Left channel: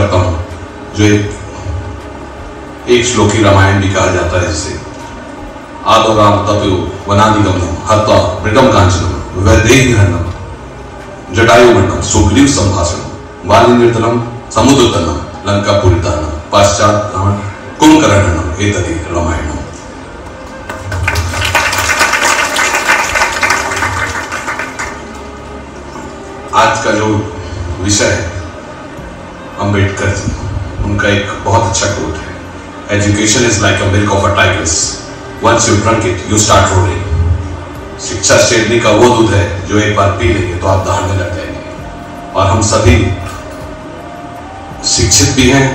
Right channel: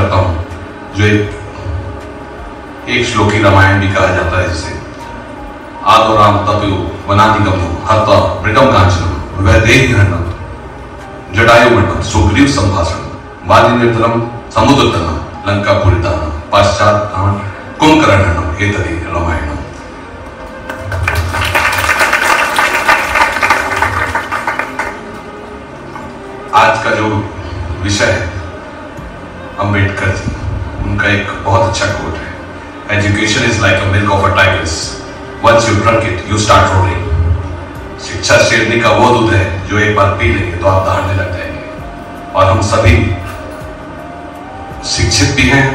करता हूं, जो एक श्लोकी रामायण भी कहा जाता है, जिसे आदो राम तपयो वनादिगमो हत्वा मृगम कांचनम वैदेहीहरणम जटायुमर्दनम सुग्रीव संभाषणम वाली निर्तलम समुद्रतनम लंकापुरीतानम पाश्चात कुंभकर्णनम एतदि रामायणम। आज का जो विषय है अंबेडकर जी, उनका एक बहुत अच्छा कोट है, education is like a milk of a tigress, once you drunk it you start rolling. शिक्षा शेरनी का वो दूध है जो एक बार पी लेंगे तो आप दहाड़ने लग जाएंगे। और हम सभी शिक्षित भी हैं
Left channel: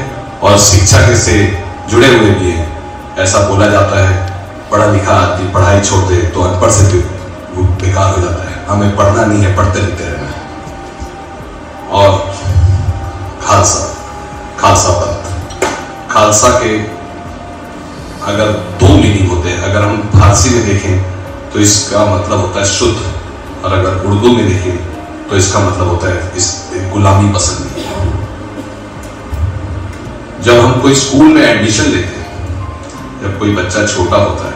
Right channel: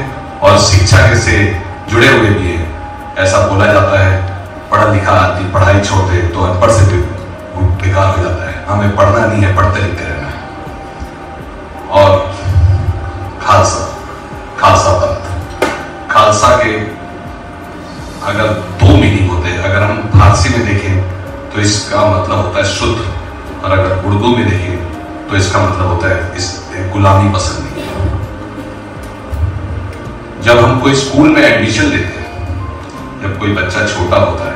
और शिक्षा से जुड़े हुए भी हैं। ऐसा बोला जाता है पढ़ा लिखा आदमी पढ़ाई छोड़ दे तो अनपढ़ से भी बेकार हो जाता है। हमें पढ़ना नहीं है, पढ़ते लिखते रहना है। और खालसा के अगर दो मीनिंग होते हैं, अगर हम फारसी में देखें तो इसका मतलब होता है शुद्ध, और अगर उर्दू में देखें तो इसका मतलब होता है इस गुलामी पसंद नहीं। जब हम कोई स्कूल में एडमिशन लेते हैं, जब कोई बच्चा छोटा होता है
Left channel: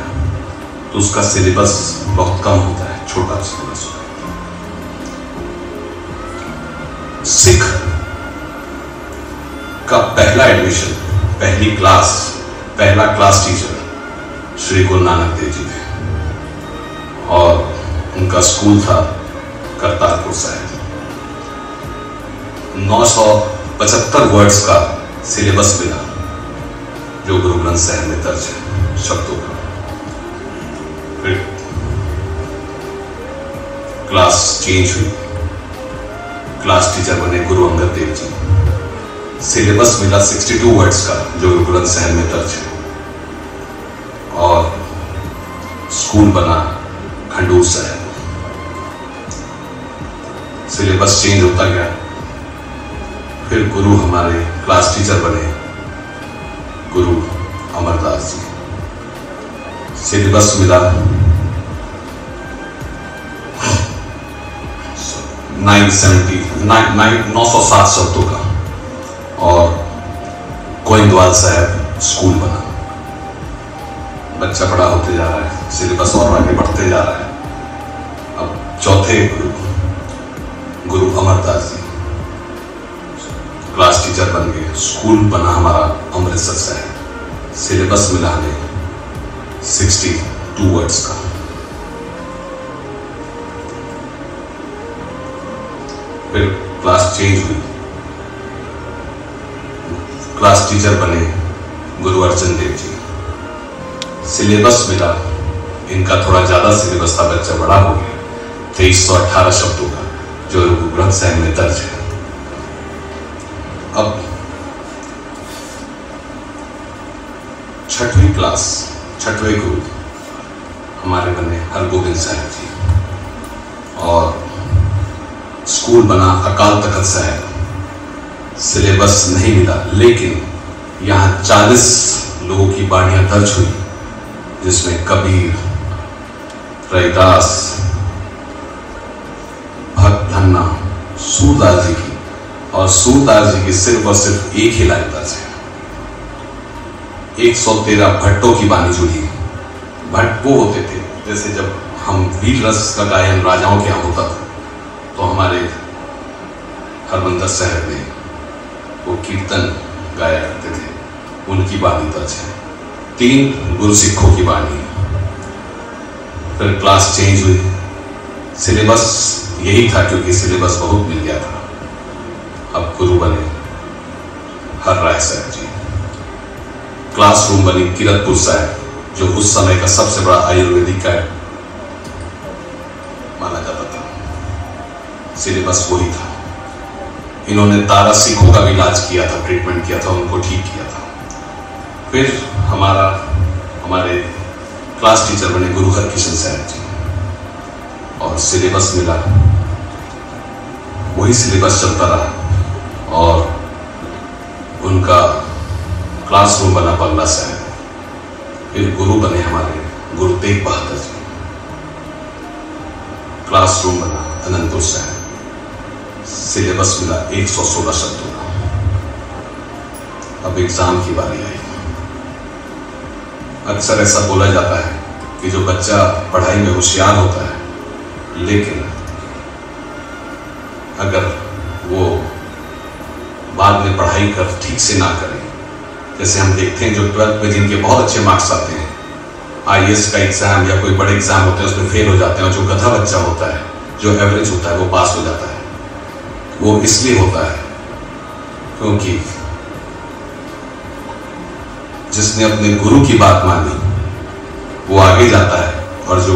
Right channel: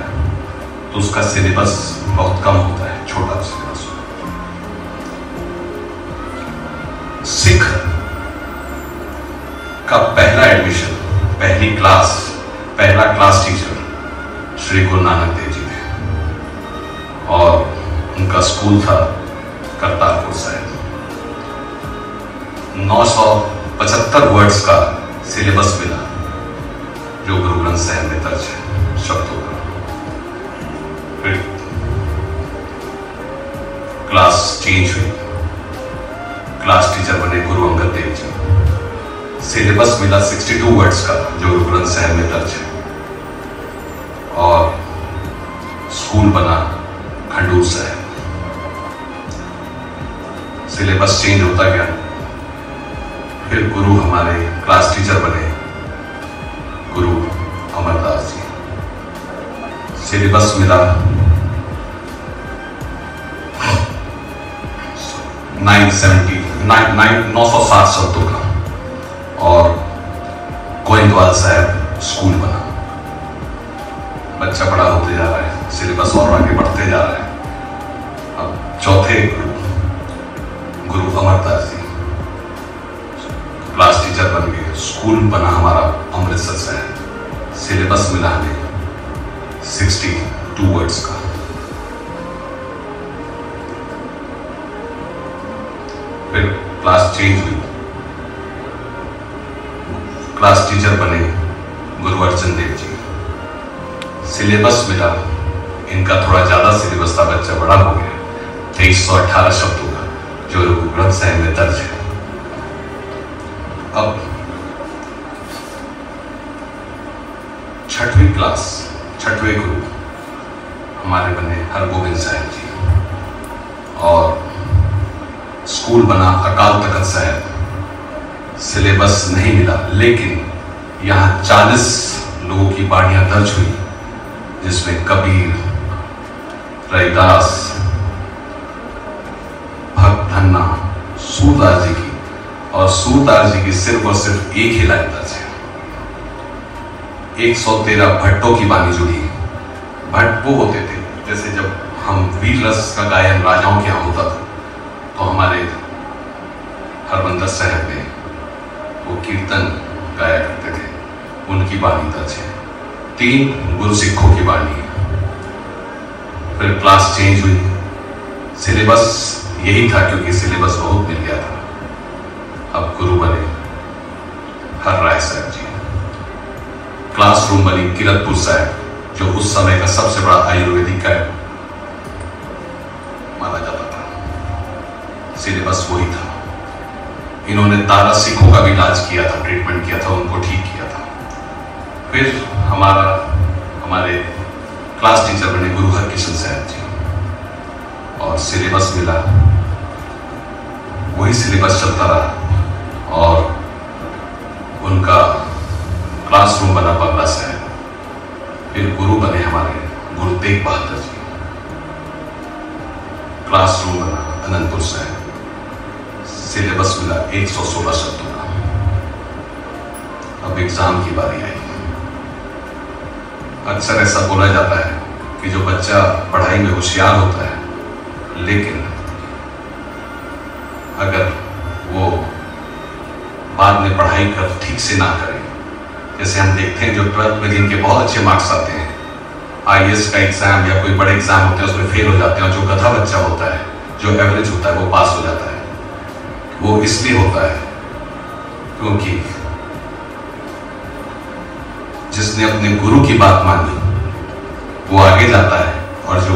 तो उसका सिलेबस बहुत कम होता है, छोटा सिलेबस। सिख का पहला एडमिशन, पहली क्लास, पहला क्लास टीचर श्री गुरु नानक देव जी ने, और उनका स्कूल था करतारपुर साहिब। 975 वर्ड्स का सिलेबस मिला जो गुरु ग्रंथ साहिब में दर्ज है शब्दों का। फिर क्लास चेंज हुई, क्लास टीचर बने गुरु अंगद देव जी। सिलेबस मिला 62 वर्ड्स का जो गुरु ग्रंथ साहिब में दर्ज है, और स्कूल बना खंडूर साहिब। सिलेबस चेंज होता गया, फिर गुरु हमारे क्लास टीचर बने गुरु अमरदास जी। सिलेबस मिला 960 शब्दों का, और गोइंदवाल साहब स्कूल बना। बच्चा बड़ा होते जा रहा है, सिलेबस और आगे बढ़ते जा रहा है। अब चौथे गुरु अमरदास जी क्लास टीचर बन गए, स्कूल बना हमारा अमृतसर साहब। सिलेबस मिला हमें 62 वर्ड्स का। फिर क्लास चेंज हुई, क्लास टीचर बने गुरु अर्जन देव जी। सिलेबस मिला, इनका थोड़ा ज्यादा सिलेबस था, बच्चा बड़ा हो गया, 2318 शब्दों का जो गुरु ग्रंथ साहिब में दर्ज है। अब छठवीं क्लास, छठवें गुरु हमारे बने हरगोबिंद साहिब जी, और स्कूल बना अकाल तख्त साहिब। सिलेबस नहीं मिला, लेकिन यहाँ 40 लोगों की बाणियां दर्ज हुई, जिसमें कबीर, रैदास, भक्त धन्ना, सूरदास जी की, और सूरदास जी की सिर्फ और सिर्फ एक ही लाइन दर्ज है। 113 भट्टों की बानी जुड़ी। भट्ट वो होते थे, जैसे जब हम वीर रस का गायन राजाओं के यहाँ होता था, तो हमारे हरमंदिर साहब में वो कीर्तन गाया करते थे, उनकी बानी दर्ज है। 3 गुरु सिखों की बानी है। फिर क्लास चेंज हुई, सिलेबस यही था क्योंकि सिलेबस बहुत मिल गया था। अब गुरु बने हर राय साहब जी। क्लासरूम बनी किरतपुर साहब, जो उस समय का सबसे बड़ा आयुर्वेदिक का माना जाता था। सिलेबस वही था। इन्होंने 12 सिखों का भी इलाज किया था, ट्रीटमेंट किया था, उनको ठीक किया था। फिर हमारे क्लास टीचर बने गुरु हरकिशन साहब जी, और सिलेबस मिला, वही सिलेबस चलता रहा, और उनका क्लासरूम बना बंगला साहब। फिर गुरु बने हमारे गुरु तेग बहादुर जी, क्लासरूम बना अनंतपुर साहब। सिलेबस मिला 116 शब्दों का। अब एग्जाम की बारी आई। अक्सर ऐसा बोला जाता है कि जो बच्चा पढ़ाई में होशियार होता है, लेकिन अगर वो बाद में पढ़ाई कर ठीक से ना करें, जैसे हम देखते हैं जो 12th में जिनके बहुत अच्छे मार्क्स आते हैं, IAS का एग्जाम या कोई बड़े एग्जाम होते हैं उसमें फेल हो जाते हैं, और जो गधा बच्चा होता है, जो एवरेज होता है, वो पास हो जाता है। वो इसलिए होता है क्योंकि जिसने अपने गुरु की बात मानी वो आगे जाता है, और जो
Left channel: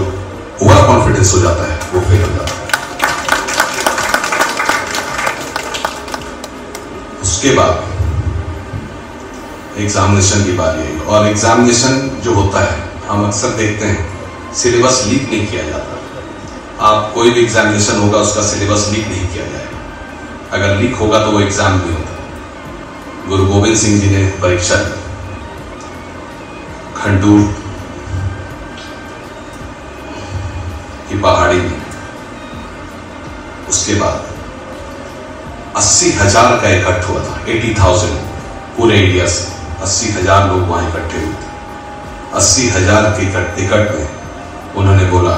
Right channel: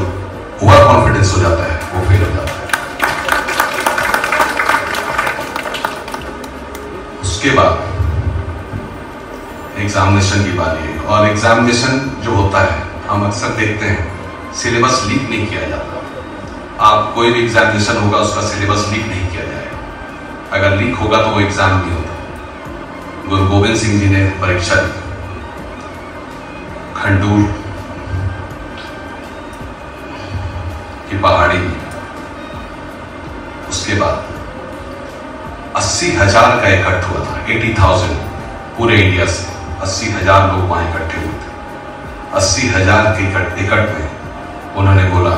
ओवर कॉन्फिडेंस हो जाता है वो फेल हो जाता है। उसके बाद एग्जामिनेशन की बारी है, और एग्जामिनेशन जो होता है हम अक्सर देखते हैं सिलेबस लीक नहीं किया जाता। आप कोई भी एग्जामिनेशन होगा उसका सिलेबस लीक नहीं किया जाएगा। अगर लीक होगा तो वो एग्जाम नहीं होता। गुरु गोविंद सिंह जी ने परीक्षा ली खंडूर की पहाड़ी में, उसके बाद 80,000 का इकट्ठ हुआ था, 80,000 पूरे इंडिया से 80,000 लोग वहां इकट्ठे हुए थे। 80,000 के इकट्ठ में उन्होंने बोला,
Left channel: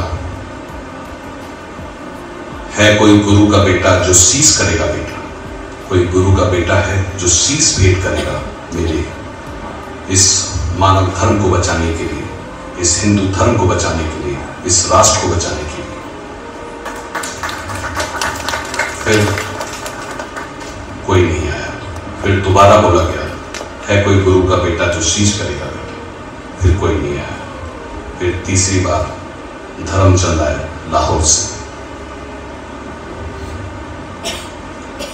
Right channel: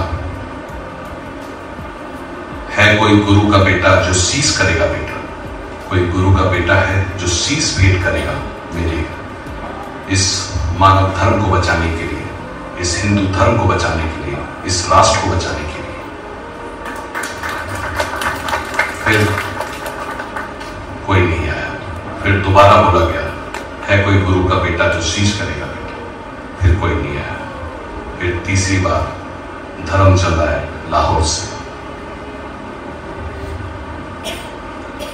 है कोई गुरु का बेटा जो शीश करेगा बेटा, कोई गुरु का बेटा है जो शीश भेंट करेगा मेरे इस मानव धर्म को बचाने के लिए, इस हिंदू धर्म को बचाने के लिए, इस राष्ट्र को बचाने के लिए। फिर कोई नहीं आया। फिर दोबारा बोला गया, है कोई गुरु का बेटा जो शीश करेगा बेटा। फिर कोई नहीं आया। फिर तीसरी बार धर्मचंद आए लाहौर से,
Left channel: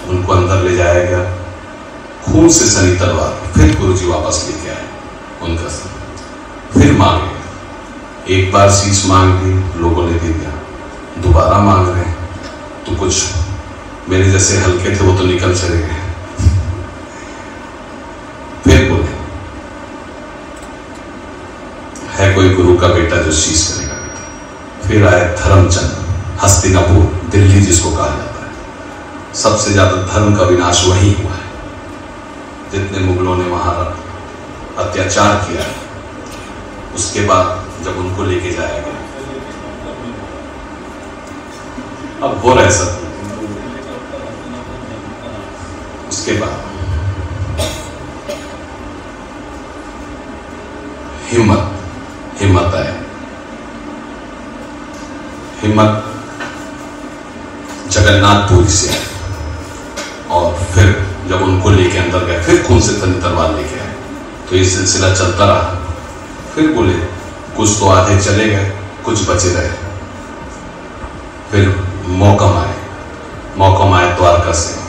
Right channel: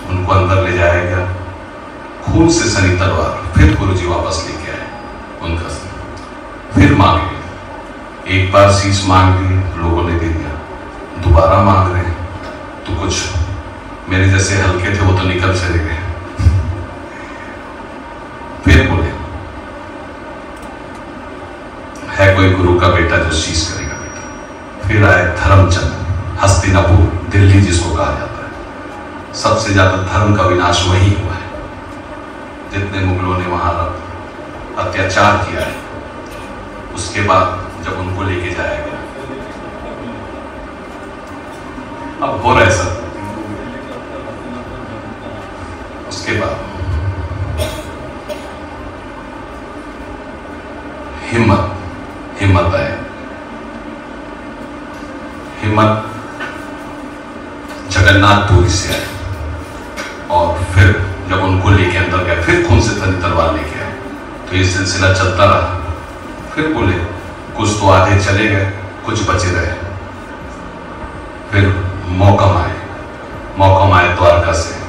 उनको अंदर ले जाया गया, खून से सनी तलवार। फिर गुरुजी वापस लेके आए उनका से, फिर मांगे, एक बार शीश मांग ली, लोगों ने दे दिया, दोबारा मांग रहे हैं तो कुछ मेरे जैसे हल्के थे वो तो निकल चले गए। फिर बोले, है कोई गुरु का बेटा जो शीश करेगा बेटा। फिर आए धर्मचंद, हस्तिनापुर दिल्ली जिसको कहा जाता है। सबसे ज्यादा धर्म का विनाश वहीं हुआ है, जितने मुगलों ने वहां अत्याचार किया है। उसके बाद जब उनको लेके जाया गया, अब हो रहा है सब। उसके बाद हिम्मत आए। हिम्मत जगन्नाथपुर से आए, और फिर जब उनको लेके अंदर गए, फिर खून से तनी तलवार लेके आए। तो ये सिलसिला चलता रहा। फिर बोले, कुछ तो आधे चले गए, कुछ बचे रहे। फिर मौकम आए द्वारका से।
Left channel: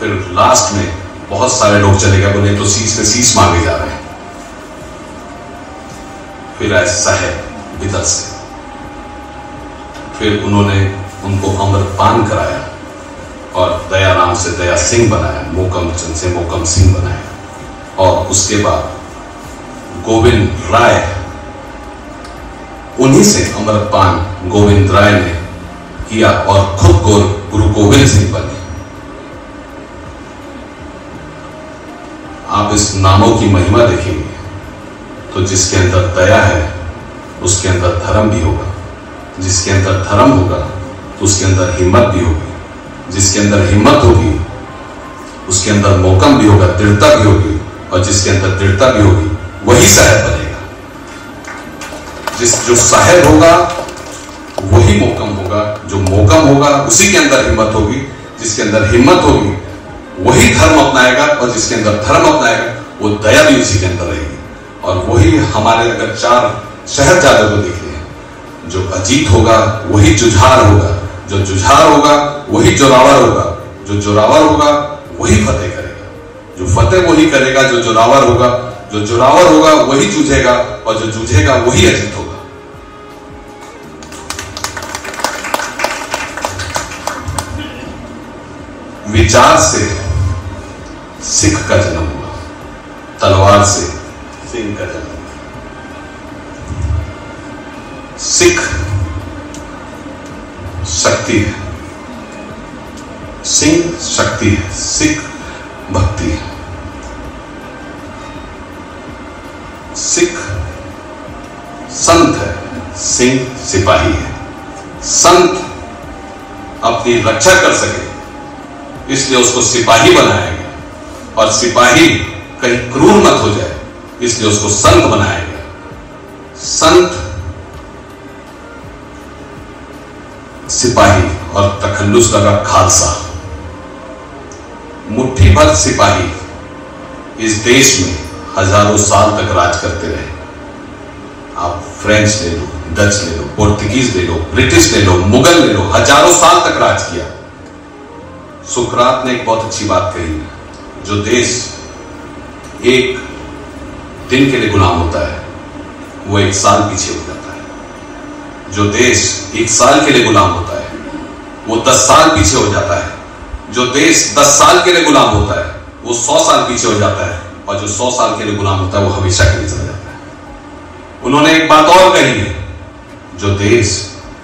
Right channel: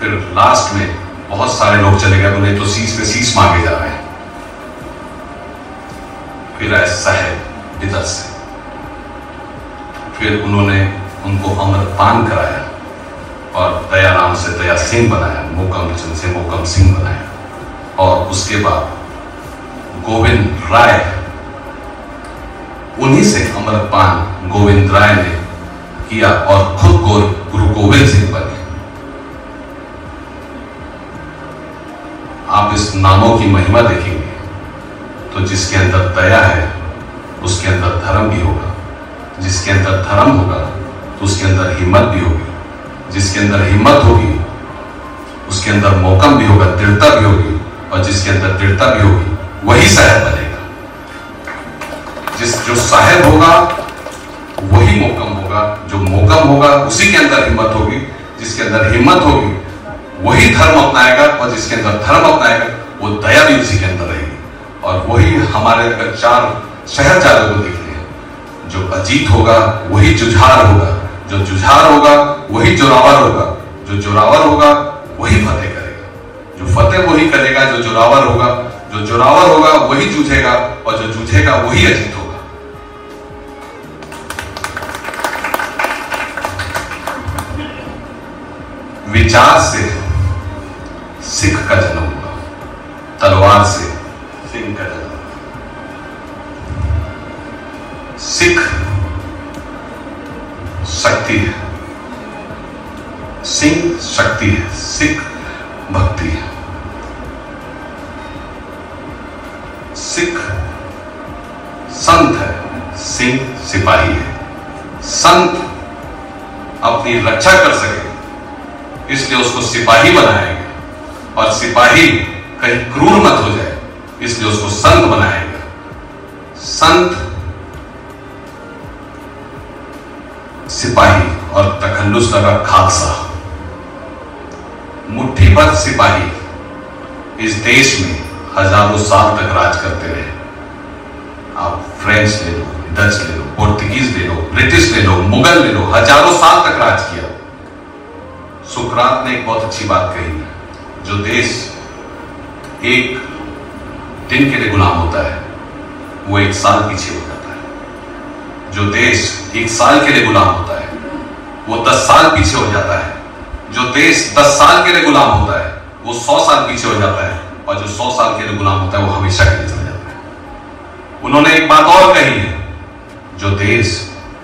फिर लास्ट में बहुत सारे लोग चले गए, बोले तो शीश पे शीश मांगे जा रहे हैं। फिर आए साहेब विदा से। फिर उन्होंने उनको अमृतपान कराया, और दया नाम से दया सिंह बनाया, मोकम चंद से मोकम सिंह बनाया। और उसके बाद गोविंद राय, उन्हीं से अमृतपान गोविंद राय ने किया, और खुद गुरु गोविंद सिंह बने। आप इस नामों की महिमा देखेंगे तो जिसके अंदर दया है उसके अंदर धर्म भी होगा, जिसके अंदर धर्म होगा तो उसके अंदर हिम्मत भी होगी, जिसके अंदर हिम्मत होगी उसके अंदर मौकम भी होगा, दृढ़ता भी होगी, और जिसके अंदर दृढ़ता भी होगी वही साहेब बनेगा। जो साहेब होगा वही मौकम होगा, जो मौकम होगा उसी के अंदर हिम्मत होगी, जिसके अंदर हिम्मत होगी वही धर्म अपनाएगा, और जिसके अंदर धर्म अपनाएगा वो दया भी उसी के अंदर रहेगी। और वही हमारे अगर 4 शहरजादों को देखें, जो अजीत होगा वही जुझार होगा, जो जुझार होगा वही जोरावर होगा, जो जोरावर होगा वही फतेह करेगा, जो फतेह वही करेगा जो जोरावर होगा, जो जोरावर होगा वही जूझेगा, और जो जूझेगा वही अजीत होगा। विचार से सिख का जन्म हुआ, तलवार से सिंह का जन्म। सिख शक्ति है, सिंह शक्ति है, सिख भक्ति है। सिख संत है, सिंह सिपाही है। संत अपनी रक्षा कर सके इसलिए उसको सिपाही बनाया गया, और सिपाही कहीं क्रूर मत हो जाए इसलिए उसको संत बनाया गया। संत सिपाही और तखल्लुस लगा खालसा, मुट्ठी भर सिपाही इस देश में हजारों साल तक राज करते रहे। आप फ्रेंच ले लो, डच ले लो, पोर्तुगीज ले लो, ब्रिटिश ले लो, मुगल ले लो, हजारों साल तक राज किया। सुकरात ने एक बहुत अच्छी बात कही, जो देश एक दिन के लिए गुलाम होता है वो 1 साल पीछे हो जाता है। जो देश 1 साल के लिए गुलाम होता है वो 10 साल पीछे हो जाता है। जो देश 10 साल के लिए गुलाम होता है वो 100 साल पीछे हो जाता है, और जो 100 साल के लिए गुलाम होता है वो हमेशा के लिए चला जाता है। उन्होंने एक बात और कही है, जो देश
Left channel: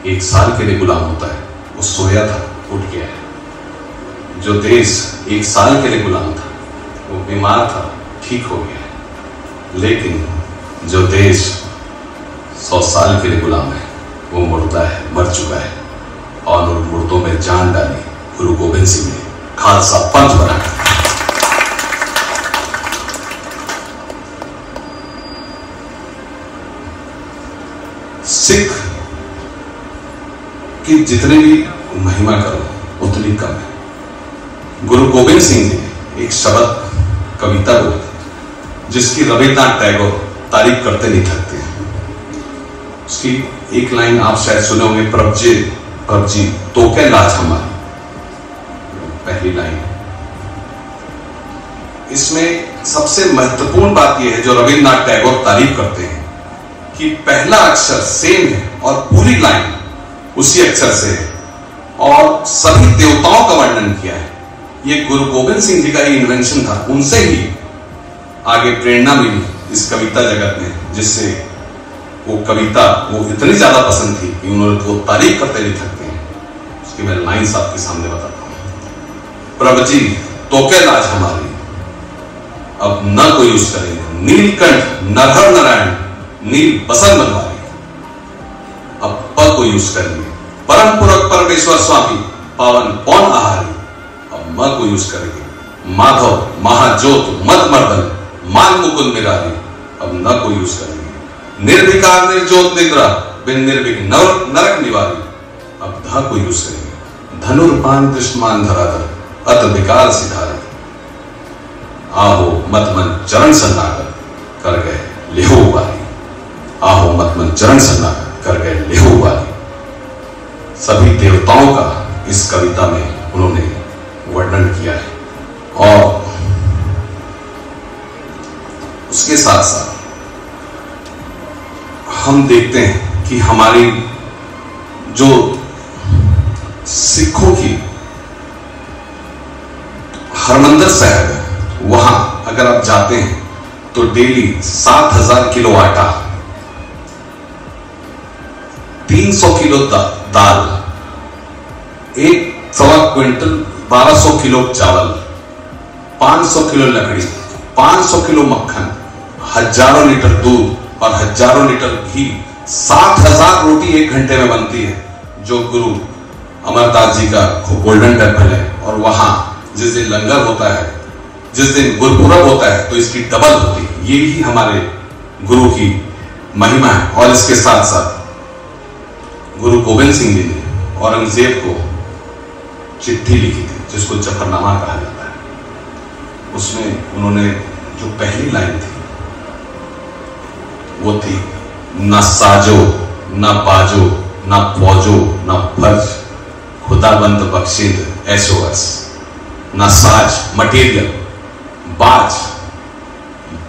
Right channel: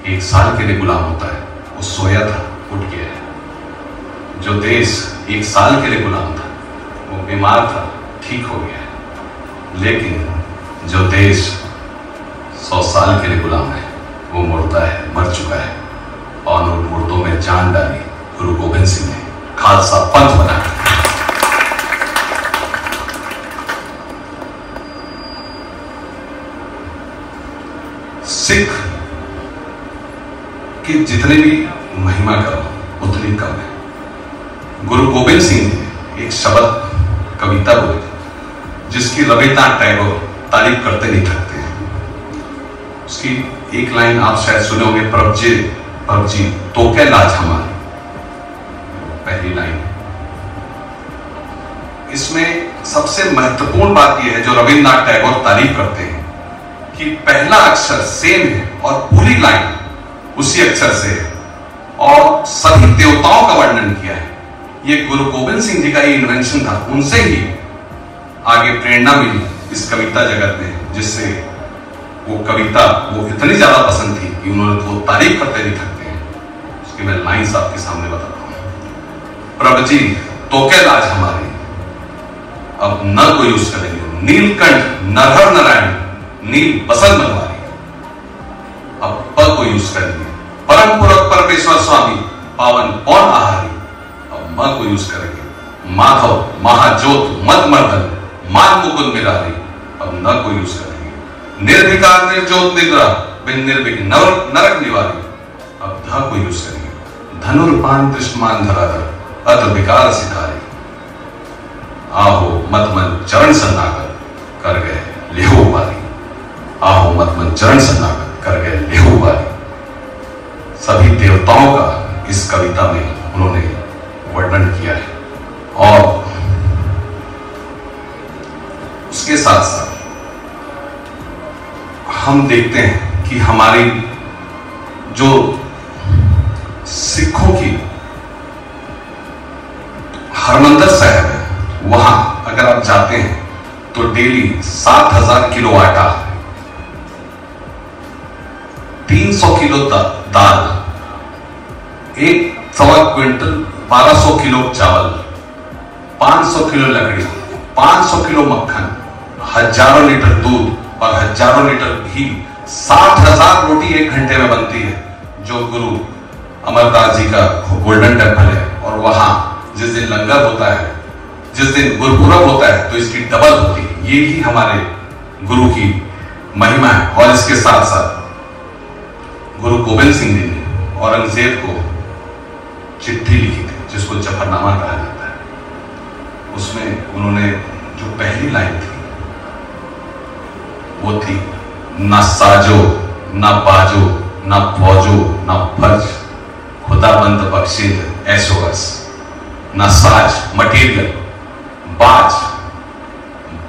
1 साल के लिए गुलाम होता है वो सोया था, उठ गया है। जो देश 1 साल के लिए गुलाम था वो बीमार था, ठीक हो गया है। लेकिन जो देश 100 साल के लिए गुलाम है वो मुर्दा है, मर चुका है, और उन मुर्दों में जान डाली गुरु गोविंद सिंह ने, खालसा पंथ बना। सिख की जितनी भी महिमा करो उतनी कम है। गुरु गोविंद सिंह ने एक शब्द कविता बोली जिसकी रविन्द्रनाथ टैगोर तारीफ करते नहीं थकते हैं। उसकी एक लाइन आप शायद सुने होंगे, प्रभ जी तो क्या लाज हमारी, पहली लाइन। इसमें सबसे महत्वपूर्ण बात यह है जो रविन्द्रनाथ टैगोर तारीफ करते हैं कि पहला अक्षर सेम है और पूरी लाइन उसी अक्षर से है, और सभी देवताओं का वर्णन किया है। ये गुरु गोविंद सिंह जी का ही इन्वेंशन था, उनसे ही आगे प्रेरणा मिली इस कविता जगत में, जिससे वो कविता वो इतनी ज्यादा पसंद थी कि उन्होंने वो तारीफ करते नहीं थकते हैं। उसकी मैं लाइन्स आपके सामने बताता हूं। प्रभु जी तो क्या लाज हमारी, अब न कोई यूज करेंगे, नीलकंठ नरहर नारायण नील बसंत बनवारी, अब प को यूज करेंगे, परम पुरख परमेश्वर स्वामी पावन पौन आहारी, अब म को यूज करेंगे, माधव महाज्योत मत मर्दन मान मुकुंद मिरारी, अब न को यूज करेंगे, निर्विकार निर्ज्योत निद्रा बिन निर्विघ्न नरक निवारी, अब ध को यूज करेंगे, धनुर्पान कृष्णमान धराधर अत विकार सिधारी, आहो मत मन चरण सन्नाकर कर गए लेहो वाली, आहो मत मन चरण सन्नाकर कर गए लेहो वाली। सभी देवताओं का इस कविता में उन्होंने वर्णन किया है, और उसके साथ साथ हम देखते हैं कि हमारी जो सिखों की हरमंदिर साहिब है, वहां अगर आप जाते हैं तो डेली 7000 किलो आटा, 300 किलो दाल, 1.25 क्विंटल 1200 किलो चावल, 500 किलो लकड़ी, 500 किलो मक्खन, हजारों लीटर दूध और हजारों लीटर घी, 60,000 रोटी 1 घंटे में बनती है, जो गुरु अमरदास जी का गोल्डन टेम्पल है। और वहां जिस दिन लंगर होता है, जिस दिन गुरुपुरब होता है, तो इसकी डबल होती है। ये ही हमारे गुरु की महिमा है। और इसके साथ साथ गुरु गोविंद सिंह जी ने औरंगजेब को चिट्ठी लिखी थी जिसको जफरनामा कहा जाता है। उसमें उन्होंने जो पहली लाइन थी वो थी, ना साजो ना बाजो ना फौजो ना फर्ज खुदाबंद बख्शीद ऐसो बस, ना साज मटेरियल, बाज।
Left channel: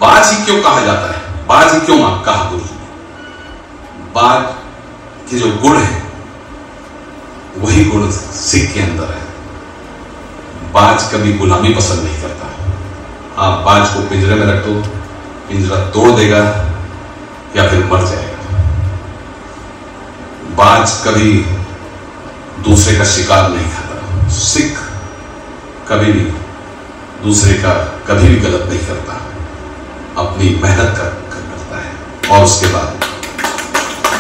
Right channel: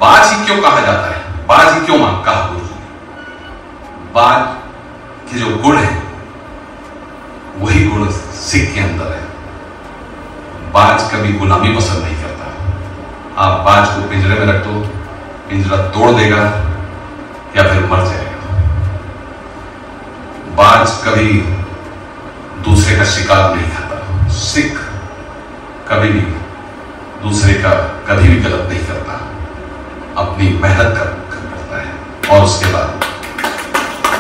बाज ही क्यों कहा जाता है, बाज ही क्यों कहा गुरु? बाज के जो गुण है वही गुण सिख के अंदर है। बाज कभी गुलामी पसंद नहीं करता। आप बाज को पिंजरे में रख दो, पिंजरा तोड़ देगा या फिर मर जाएगा। बाज कभी दूसरे का शिकार नहीं खाता। सिख कभी भी दूसरे का कभी भी गलत नहीं करता, अपनी मेहनत करता है। और उसके बाद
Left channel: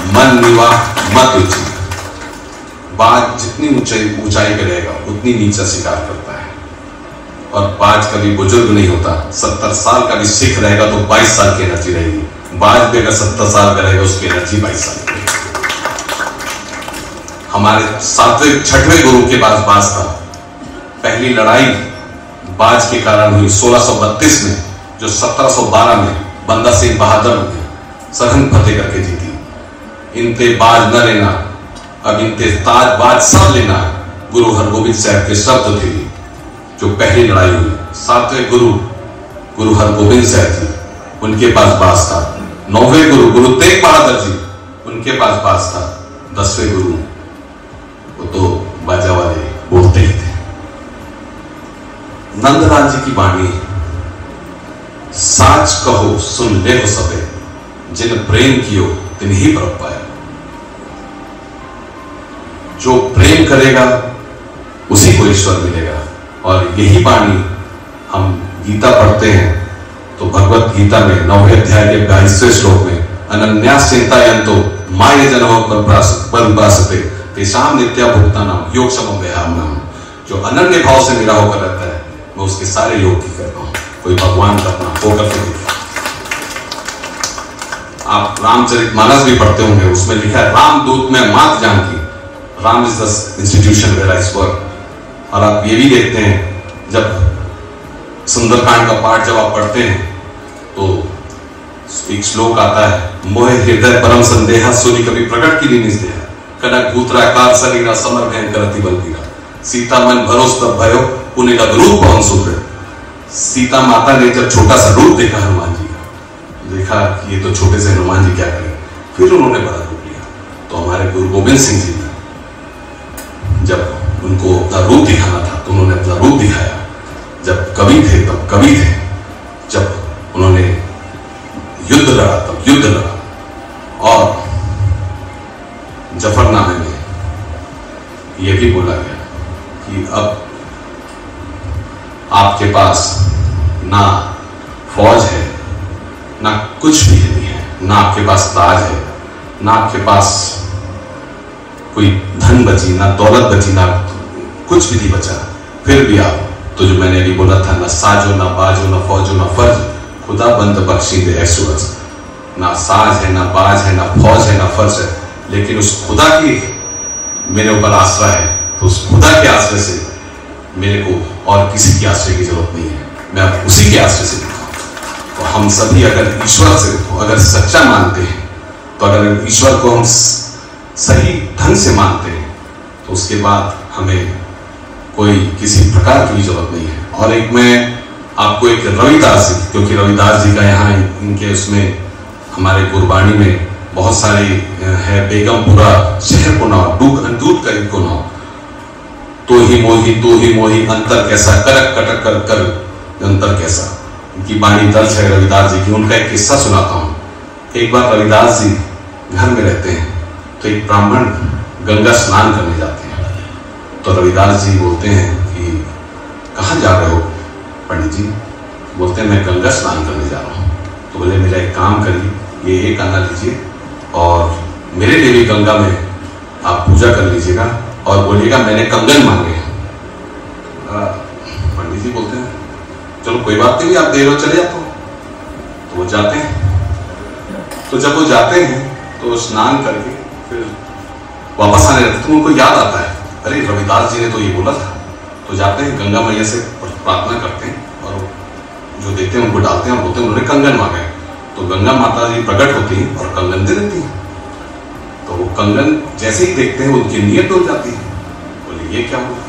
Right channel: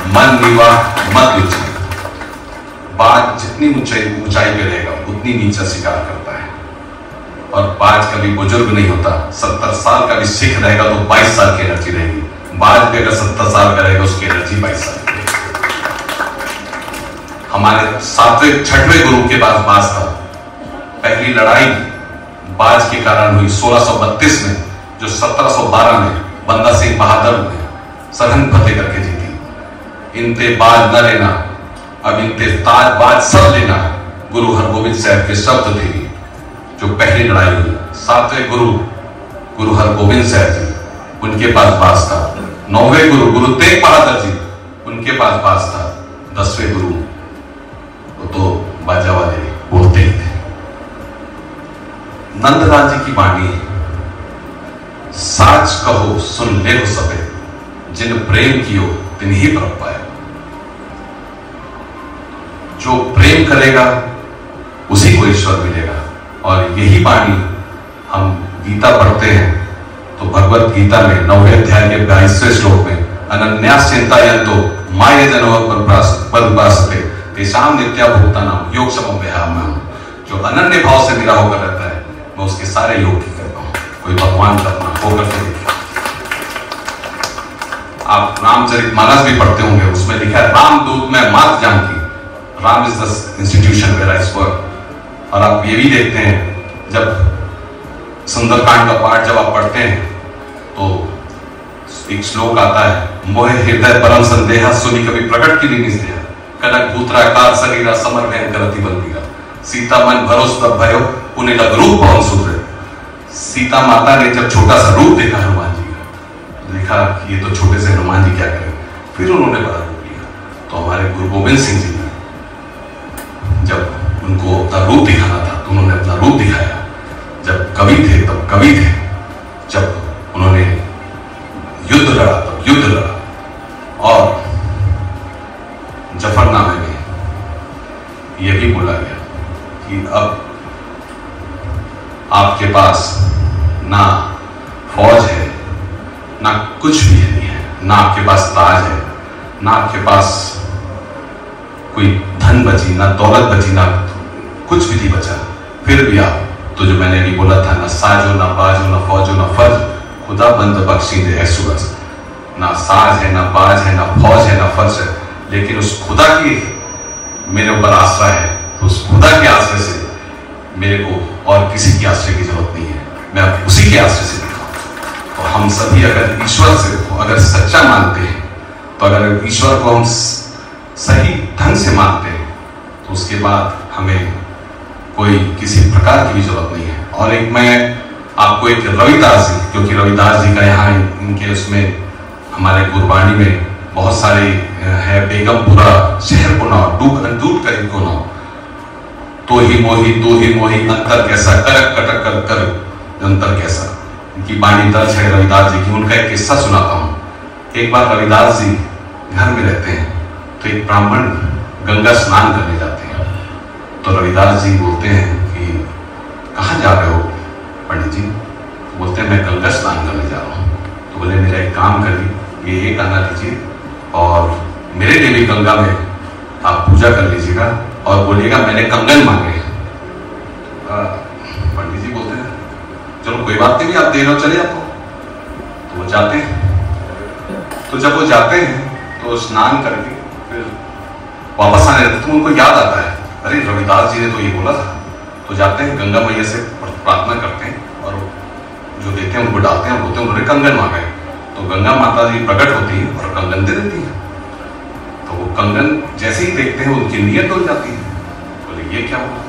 मन निवाह मत उच्च। बाज जितनी ऊंचाई पे रहेगा उतनी नीचा शिकार करता है, और बाज कभी बुजुर्ग नहीं होता। 70 साल का भी सिख रहेगा तो 22 साल की एनर्जी रहेगी। बाज भी अगर 70 साल का रहेगा उसकी एनर्जी 22 साल की। हमारे 7वें 6वें गुरु के पास बाज था। पहली लड़ाई बाज के कारण हुई 1632 में, जो 1712 में बंदा सिंह बहादुर ने सरहद फतेह करके जीती। इनते बाज न लेना, अब इनते ताज बाज सब लेना, गुरु हरगोबिंद साहब के शब्द थे। जो पहली लड़ाई हुई 7वें गुरु हरगोबिंद साहब जी, उनके पास बाज था। 9वें गुरु तेग बहादुर जी, उनके पास बाज था। 10वें गुरु वो तो बाजा वाले बोलते ही थे। नंदलाल जी की वाणी, साच कहो सुन ले हो सबे, जिन प्रेम कियो तिन ही पर पाए। जो प्रेम करेगा उसी को ईश्वर मिलेगा। और यही वाणी हम गीता पढ़ते हैं तो भगवत गीता में 9वें अध्याय के 22वें श्लोक में अनन्यास चिंतायन्तो माय जनो बलुपासते तेषां नित्या भुक्तानां योग समव्यायाम। जो अनन्य भाव से मेरा होकर रहता है मैं उसके सारे योग की करता हूं। कोई भगवान का अपना होकर के देखा। आप रामचरितमानस भी पढ़ते होंगे, उसमें लिखा है रामदूत में मात जानकी, Ram is the institution where I work. और आप ये भी देखते हैं जब सुंदरकांड का पाठ जब आप पढ़ते हैं तो एक श्लोक आता है, मोह हृदय परम संदेहा सुनी कभी प्रकट की नहीं स्नेहा, कनक भूत्राकार शरीरा समर गहन करती बलबीरा, सीता मन भरोस तब भयो पुण्य लग रूप पवन सूत्र। सीता माता ने जब छोटा सा रूप देखा हनुमान जी का, देखा कि ये तो छोटे से हनुमान जी क्या करें, फिर उन्होंने बड़ा रूप लिया। तो हमारे गुरु गोविंद सिंह जी ने जब उनको अपना रूप दिखाना था तो उन्होंने अपना रूप दिखाया। जब कवि थे तब कवि थे, जब उन्होंने युद्ध लड़ा तब युद्ध लड़ा। और जफरनामे में यही बोला गया कि अब आपके पास ना फौज है, ना कुछ भी नहीं है, ना आपके पास ताज है, ना आपके पास कोई धन बची, ना दौलत बची, ना कुछ भी नहीं बचा, फिर भी आप तो जो मैंने अभी बोला था, ना साज हो, ना बाज हो, ना फौज हो, ना फर्ज, खुदा बंद बख्शी दे सूरज। ना साज है, ना बाज है, ना फौज है, ना फर्ज है, लेकिन उस खुदा की मेरे ऊपर आसरा है। तो उस खुदा के आश्रय से मेरे को और किसी के आश्रय की जरूरत नहीं है, मैं अब उसी के आश्रय से दिखा। तो हम सभी अगर ईश्वर से अगर सच्चा मानते हैं, तो अगर ईश्वर को हम सही ढंग से मानते हैं, तो उसके बाद हमें कोई किसी प्रकार की जरूरत नहीं है। और एक मैं आपको एक रविदास जी, क्योंकि रविदास जी का यहाँ इनके उसमें हमारे गुरबाणी में बहुत सारी है, बेगमपुरा शहर को ना दूध कर इनको ना, तो ही मोही अंतर कैसा, करक कटक कर कर अंतर कैसा, इनकी वाणी दर्ज है रविदास जी की। उनका एक किस्सा सुनाता हूँ। एक बार रविदास जी घर में रहते हैं तो एक ब्राह्मण गंगा स्नान करने जाते हैं। तो रविदास जी बोलते हैं कि कहाँ जा रहे हो पंडित जी? बोलते हैं मैं गंगा स्नान करने जा रहा हूँ। तो बोले मेरा एक काम करिए, ये गाना लीजिए और मेरे लिए भी गंगा में आप पूजा कर लीजिएगा और बोलिएगा मैंने कंगन मांगे। पंडित जी बोलते हैं चलो कोई बात नहीं, आप देर हो चले जाते हो। तो वो जाते हैं। तो जब वो जाते हैं तो स्नान करके फिर वापस आने लगते, तो उनको याद आता है अरे रविदास जी ने तो ये बोला था। तो जाते हैं गंगा मैया से प्रार्थना करते हैं और जो देते हैं उनको डालते हैं और बोलते हैं उन्होंने कंगन मांगे। तो गंगा माता जी प्रकट होती हैं और कंगन दे देती हैं। तो वो कंगन जैसे ही देखते हैं उनकी नीयत डूब जाती है। बोले ये क्या हुआ?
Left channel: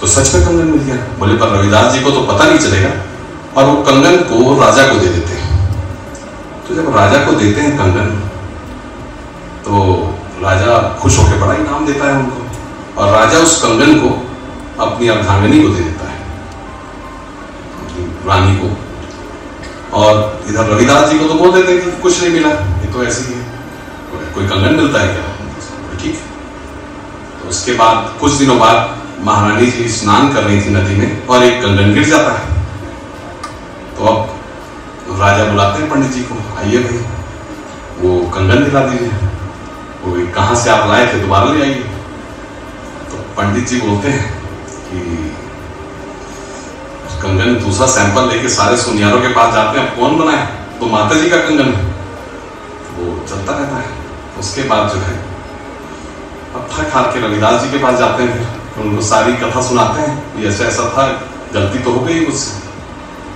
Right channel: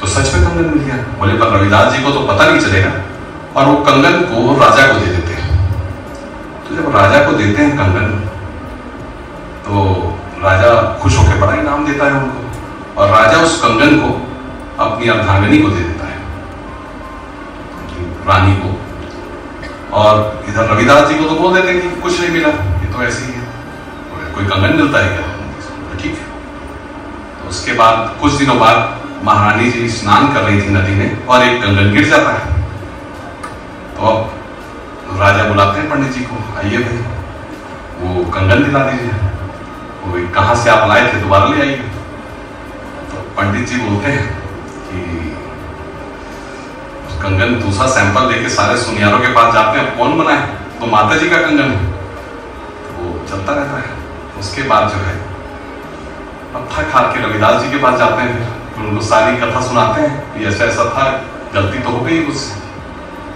तो सच में कंगन मिल गया। बोले पर रविदास जी को तो पता नहीं चलेगा। और वो कंगन को राजा को दे देते हैं। तो जब राजा को देते हैं कंगन तो राजा खुश होकर बड़ा इनाम देता है उनको, और राजा उस कंगन को अपनी अर्धांगिनी को दे देता है, रानी को। और इधर रविदास जी को तो बोल देते हैं कि कुछ नहीं मिला, ये तो ऐसे ही है, कोई कंगन मिलता है क्या? ठीक है। तो उसके बाद कुछ दिनों बाद महारानी जी स्नान कर रही थी नदी में और एक कंगन गिर जाता है। तो अब राजा बुलाते हैं पंडित जी को, आइए भाई वो कंगन दिला दीजिए। तो कहाँ से आप लाए थे, दोबारा ले आइए। तो पंडित जी बोलते हैं कि कंगन दूसरा सैंपल लेके सारे सुनियारों के पास जाते हैं, कौन बनाए, तो माता जी का कंगन है। वो चलता रहता है। उसके बाद जो है अब थक हार के रविदास जी के पास जाते हैं, फिर उनको सारी कथा सुनाते हैं, ये ऐसा ऐसा था, गलती तो हो गई कुछ।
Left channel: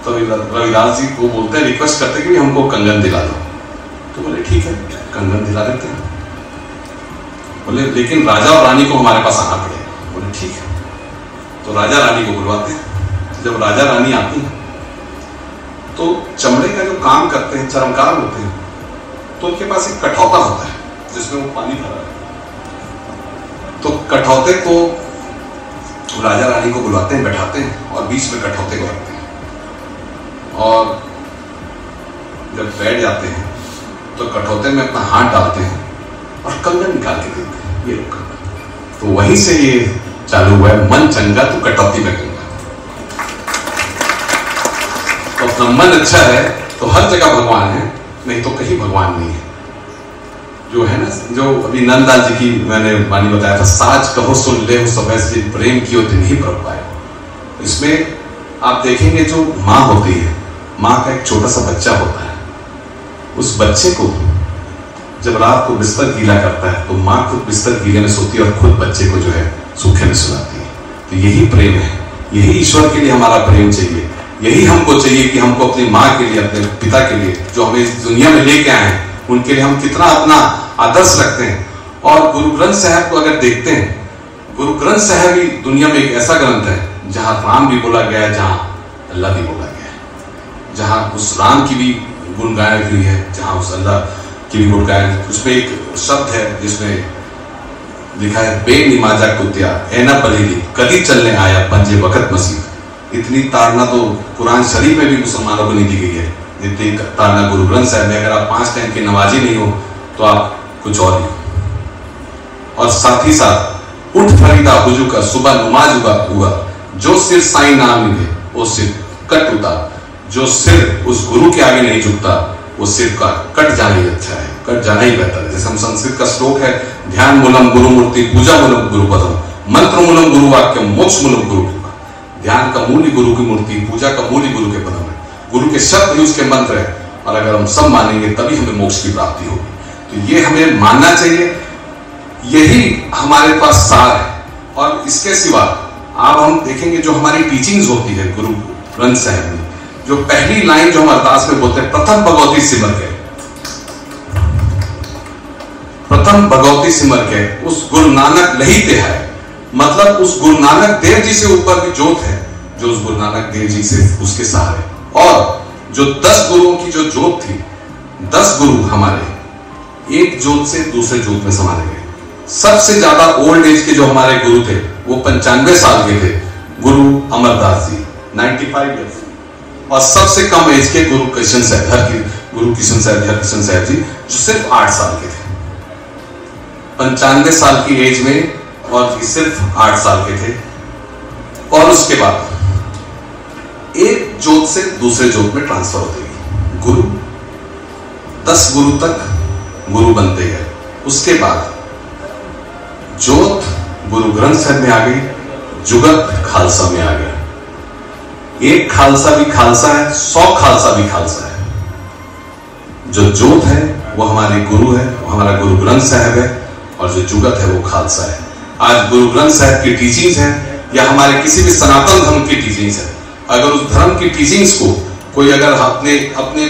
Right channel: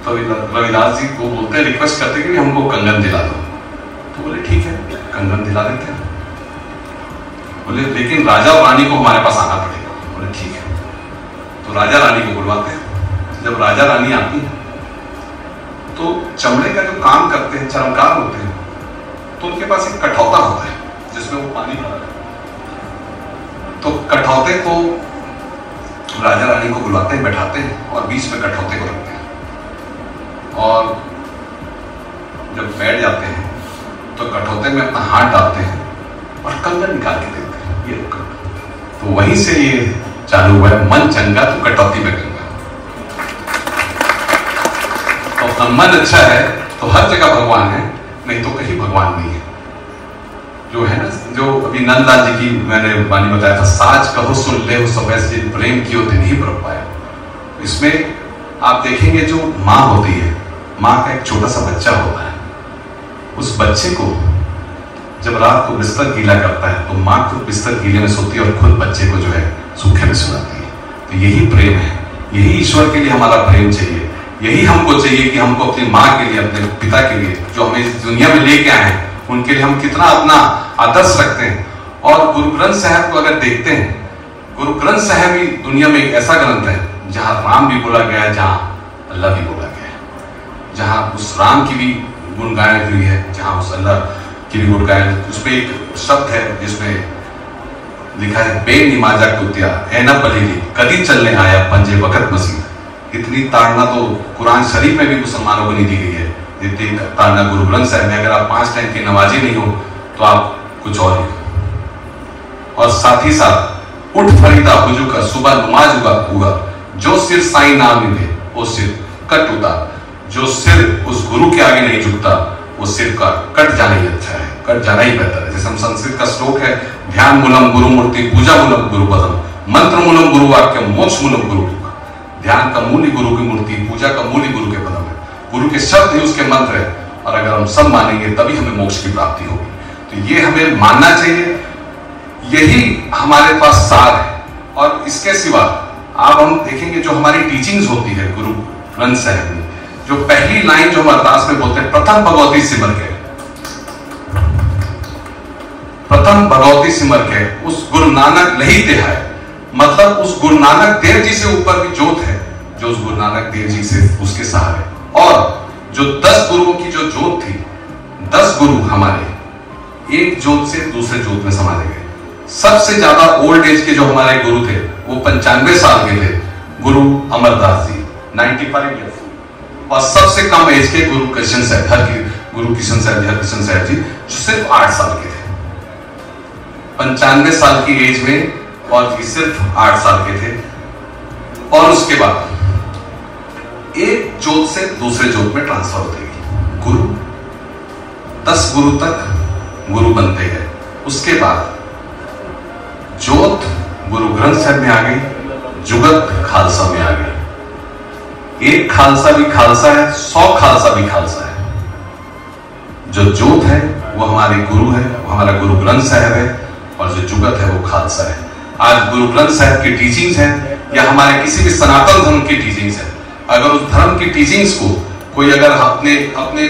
तो रविदास जी को बोलते हैं, रिक्वेस्ट करते कि हमको कंगन दिला दो। तो बोले ठीक है, कंगन दिला देते हैं। बोले लेकिन राजा और रानी को हमारे पास आना पड़ेगा। बोले ठीक है। तो राजा रानी को बुलवाते हैं। जब राजा रानी आती है तो चमड़े का जो काम करते हैं, चरमकार होते हैं, तो उनके पास एक कठौता होता है जिसमें वो पानी भरा। तो कठौते को राजा रानी को बुलाते हैं, बैठाते हैं और बीच में कठौते को रखते हैं। और जब बैठ जाते हैं तो कठौते में अपना हाथ डालते हैं और कंगन निकाल के देते हैं, ये लोग। तो वहीं से ये चालू हुआ है, मन चंगा तो कटौती में गंगा। तो अपना मन अच्छा है तो हर जगह भगवान है, नहीं तो कहीं भगवान नहीं है। जो है ना, जो अभी नंदलाल जी की मैंने वाणी बताया था, साज कहो सुन ले हो सब ऐसे प्रेम की हो दिन ही प्रभ पाए। इसमें आप देखेंगे जो माँ होती है, माँ का एक छोटा सा बच्चा होता है, उस बच्चे को जब रात को बिस्तर गीला करता है तो माँ खुद बिस्तर गीले में सोती है और खुद बच्चे को जो है सूखे में सुलाती है। तो यही प्रेम है, यही ईश्वर के लिए हमारा प्रेम चाहिए, यही हमको चाहिए कि हमको अपनी माँ के लिए, अपने पिता के लिए, जो हमें इस दुनिया में लेके आए हैं, उनके लिए हम कितना अपना आदर्श रखते हैं। और गुरु ग्रंथ साहब को अगर देखते हैं, गुरु ग्रंथ साहब भी दुनिया में एक ऐसा ग्रंथ है जहां राम भी बोला गया है, जहां अल्लाह भी बोला गया है, जहां उस राम की भी गुण गायन हुई है, जहां उस अल्लाह की भी गुण गायन। उसमें एक शब्द है जिसमें लिखा है, बेनिमाजा कुतिया ऐना बलीली कदी चलने आया पंजे वक्त मसीह। इतनी ताड़ना तो कुरान शरीफ में भी मुसलमानों को नहीं दी गई है जितनी ताड़ना गुरु ग्रंथ साहब में। अगर आप 5 टाइम के नमाजी नहीं हो तो आप कुछ और ही। और साथ ही साथ उठ फरीदा हुजू का सुबह नमाज हुआ, जो सिर साईं नाम दे वो सिर कट उतार। जो सिर उस गुरु के आगे नहीं झुकता वो सिर का कट जाना ही अच्छा है, कट जाना ही बेहतर है। जैसे हम संस्कृत का श्लोक है, ध्यान मूलम गुरु मूर्ति पूजा मूलम गुरु पदम, मंत्र मूलम गुरु वाक्य मोक्ष मूलम गुरु। ध्यान का मूल ही गुरु की मूर्ति, पूजा का मूल ही गुरु के पदम है, गुरु के शब्द ही उसके मंत्र है। और अगर हम सब मानेंगे तभी हमें मोक्ष की प्राप्ति होगी। तो ये हमें मानना चाहिए, यही हमारे पास सार है। और इसके सिवा आप हम देखेंगे जो हमारी टीचिंग्स होती है गुरु ग्रंथ साहब में, जो पहली लाइन जो हम अरदास में बोलते हैं, प्रथम भगवती सिमर के, प्रथम भगवती सिमर के उस गुरु नानक लही तिहाय। मतलब उस गुरु नानक देव जी से ऊपर भी जोत है, जो उस गुरु नानक देव जी से उसके साथ है। और जो 10 गुरुओं की जो जोत थी, 10 गुरु हमारे एक जोत से दूसरे जोत में समाये गए। सबसे ज्यादा ओल्ड एज के जो हमारे गुरु थे वो 95 साल के थे, गुरु अमरदास जी 95 ईयर्स। और सबसे कम एज के गुरु कृष्ण साहब, गुरु कृष्ण साहब जी जो सिर्फ 8 साल के थे। 95 साल की एज में और सिर्फ 8 साल के थे। और उसके बाद एक जोत से दूसरे जोत में ट्रांसफर होते गए गुरु। 10 गुरु तक गुरु बनते हैं। उसके बाद जोत गुरु ग्रंथ साहब में आ गई, जुगत खालसा में आ गई। एक खालसा भी खालसा है, 100 खालसा भी खालसा है। जो जोत है वो हमारे गुरु है, वो हमारा गुरु ग्रंथ साहब है। और जो जुगत है वो खालसा है। आज गुरु ग्रंथ साहब की टीचिंग्स है या हमारे किसी भी सनातन धर्म की टीचिंग्स है, अगर उस धर्म की टीचिंग्स को कोई अगर अपने अपने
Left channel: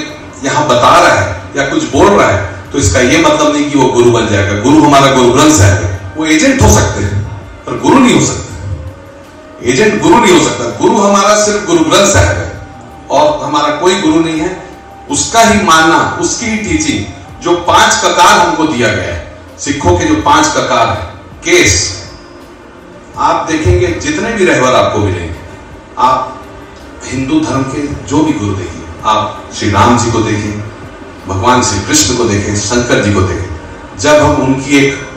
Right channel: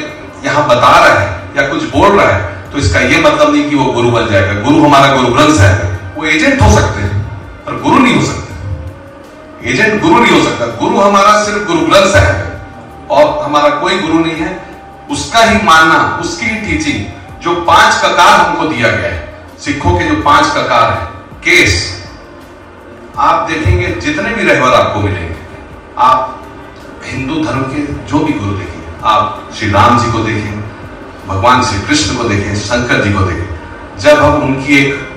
यहां बता रहा है या कुछ बोल रहा है, तो इसका यह मतलब नहीं कि वो गुरु बन जाएगा। गुरु हमारा गुरु ग्रंथ साहब है। वो एजेंट हो सकते हैं पर गुरु नहीं हो सकते। एजेंट गुरु नहीं हो सकता। गुरु हमारा सिर्फ गुरु ग्रंथ साहब है और हमारा कोई गुरु नहीं है। उसका ही मानना, उसकी ही टीचिंग, जो 5 ककार हमको दिया गया है, सिखों के जो 5 ककार है, केस आप देखेंगे जितने भी रहबर आपको मिलेंगे, आप हिंदू धर्म के जो भी गुरु देखिए, आप श्री राम जी को देखें, भगवान श्री कृष्ण को देखें, शंकर जी को देखें। जब हम उनकी एक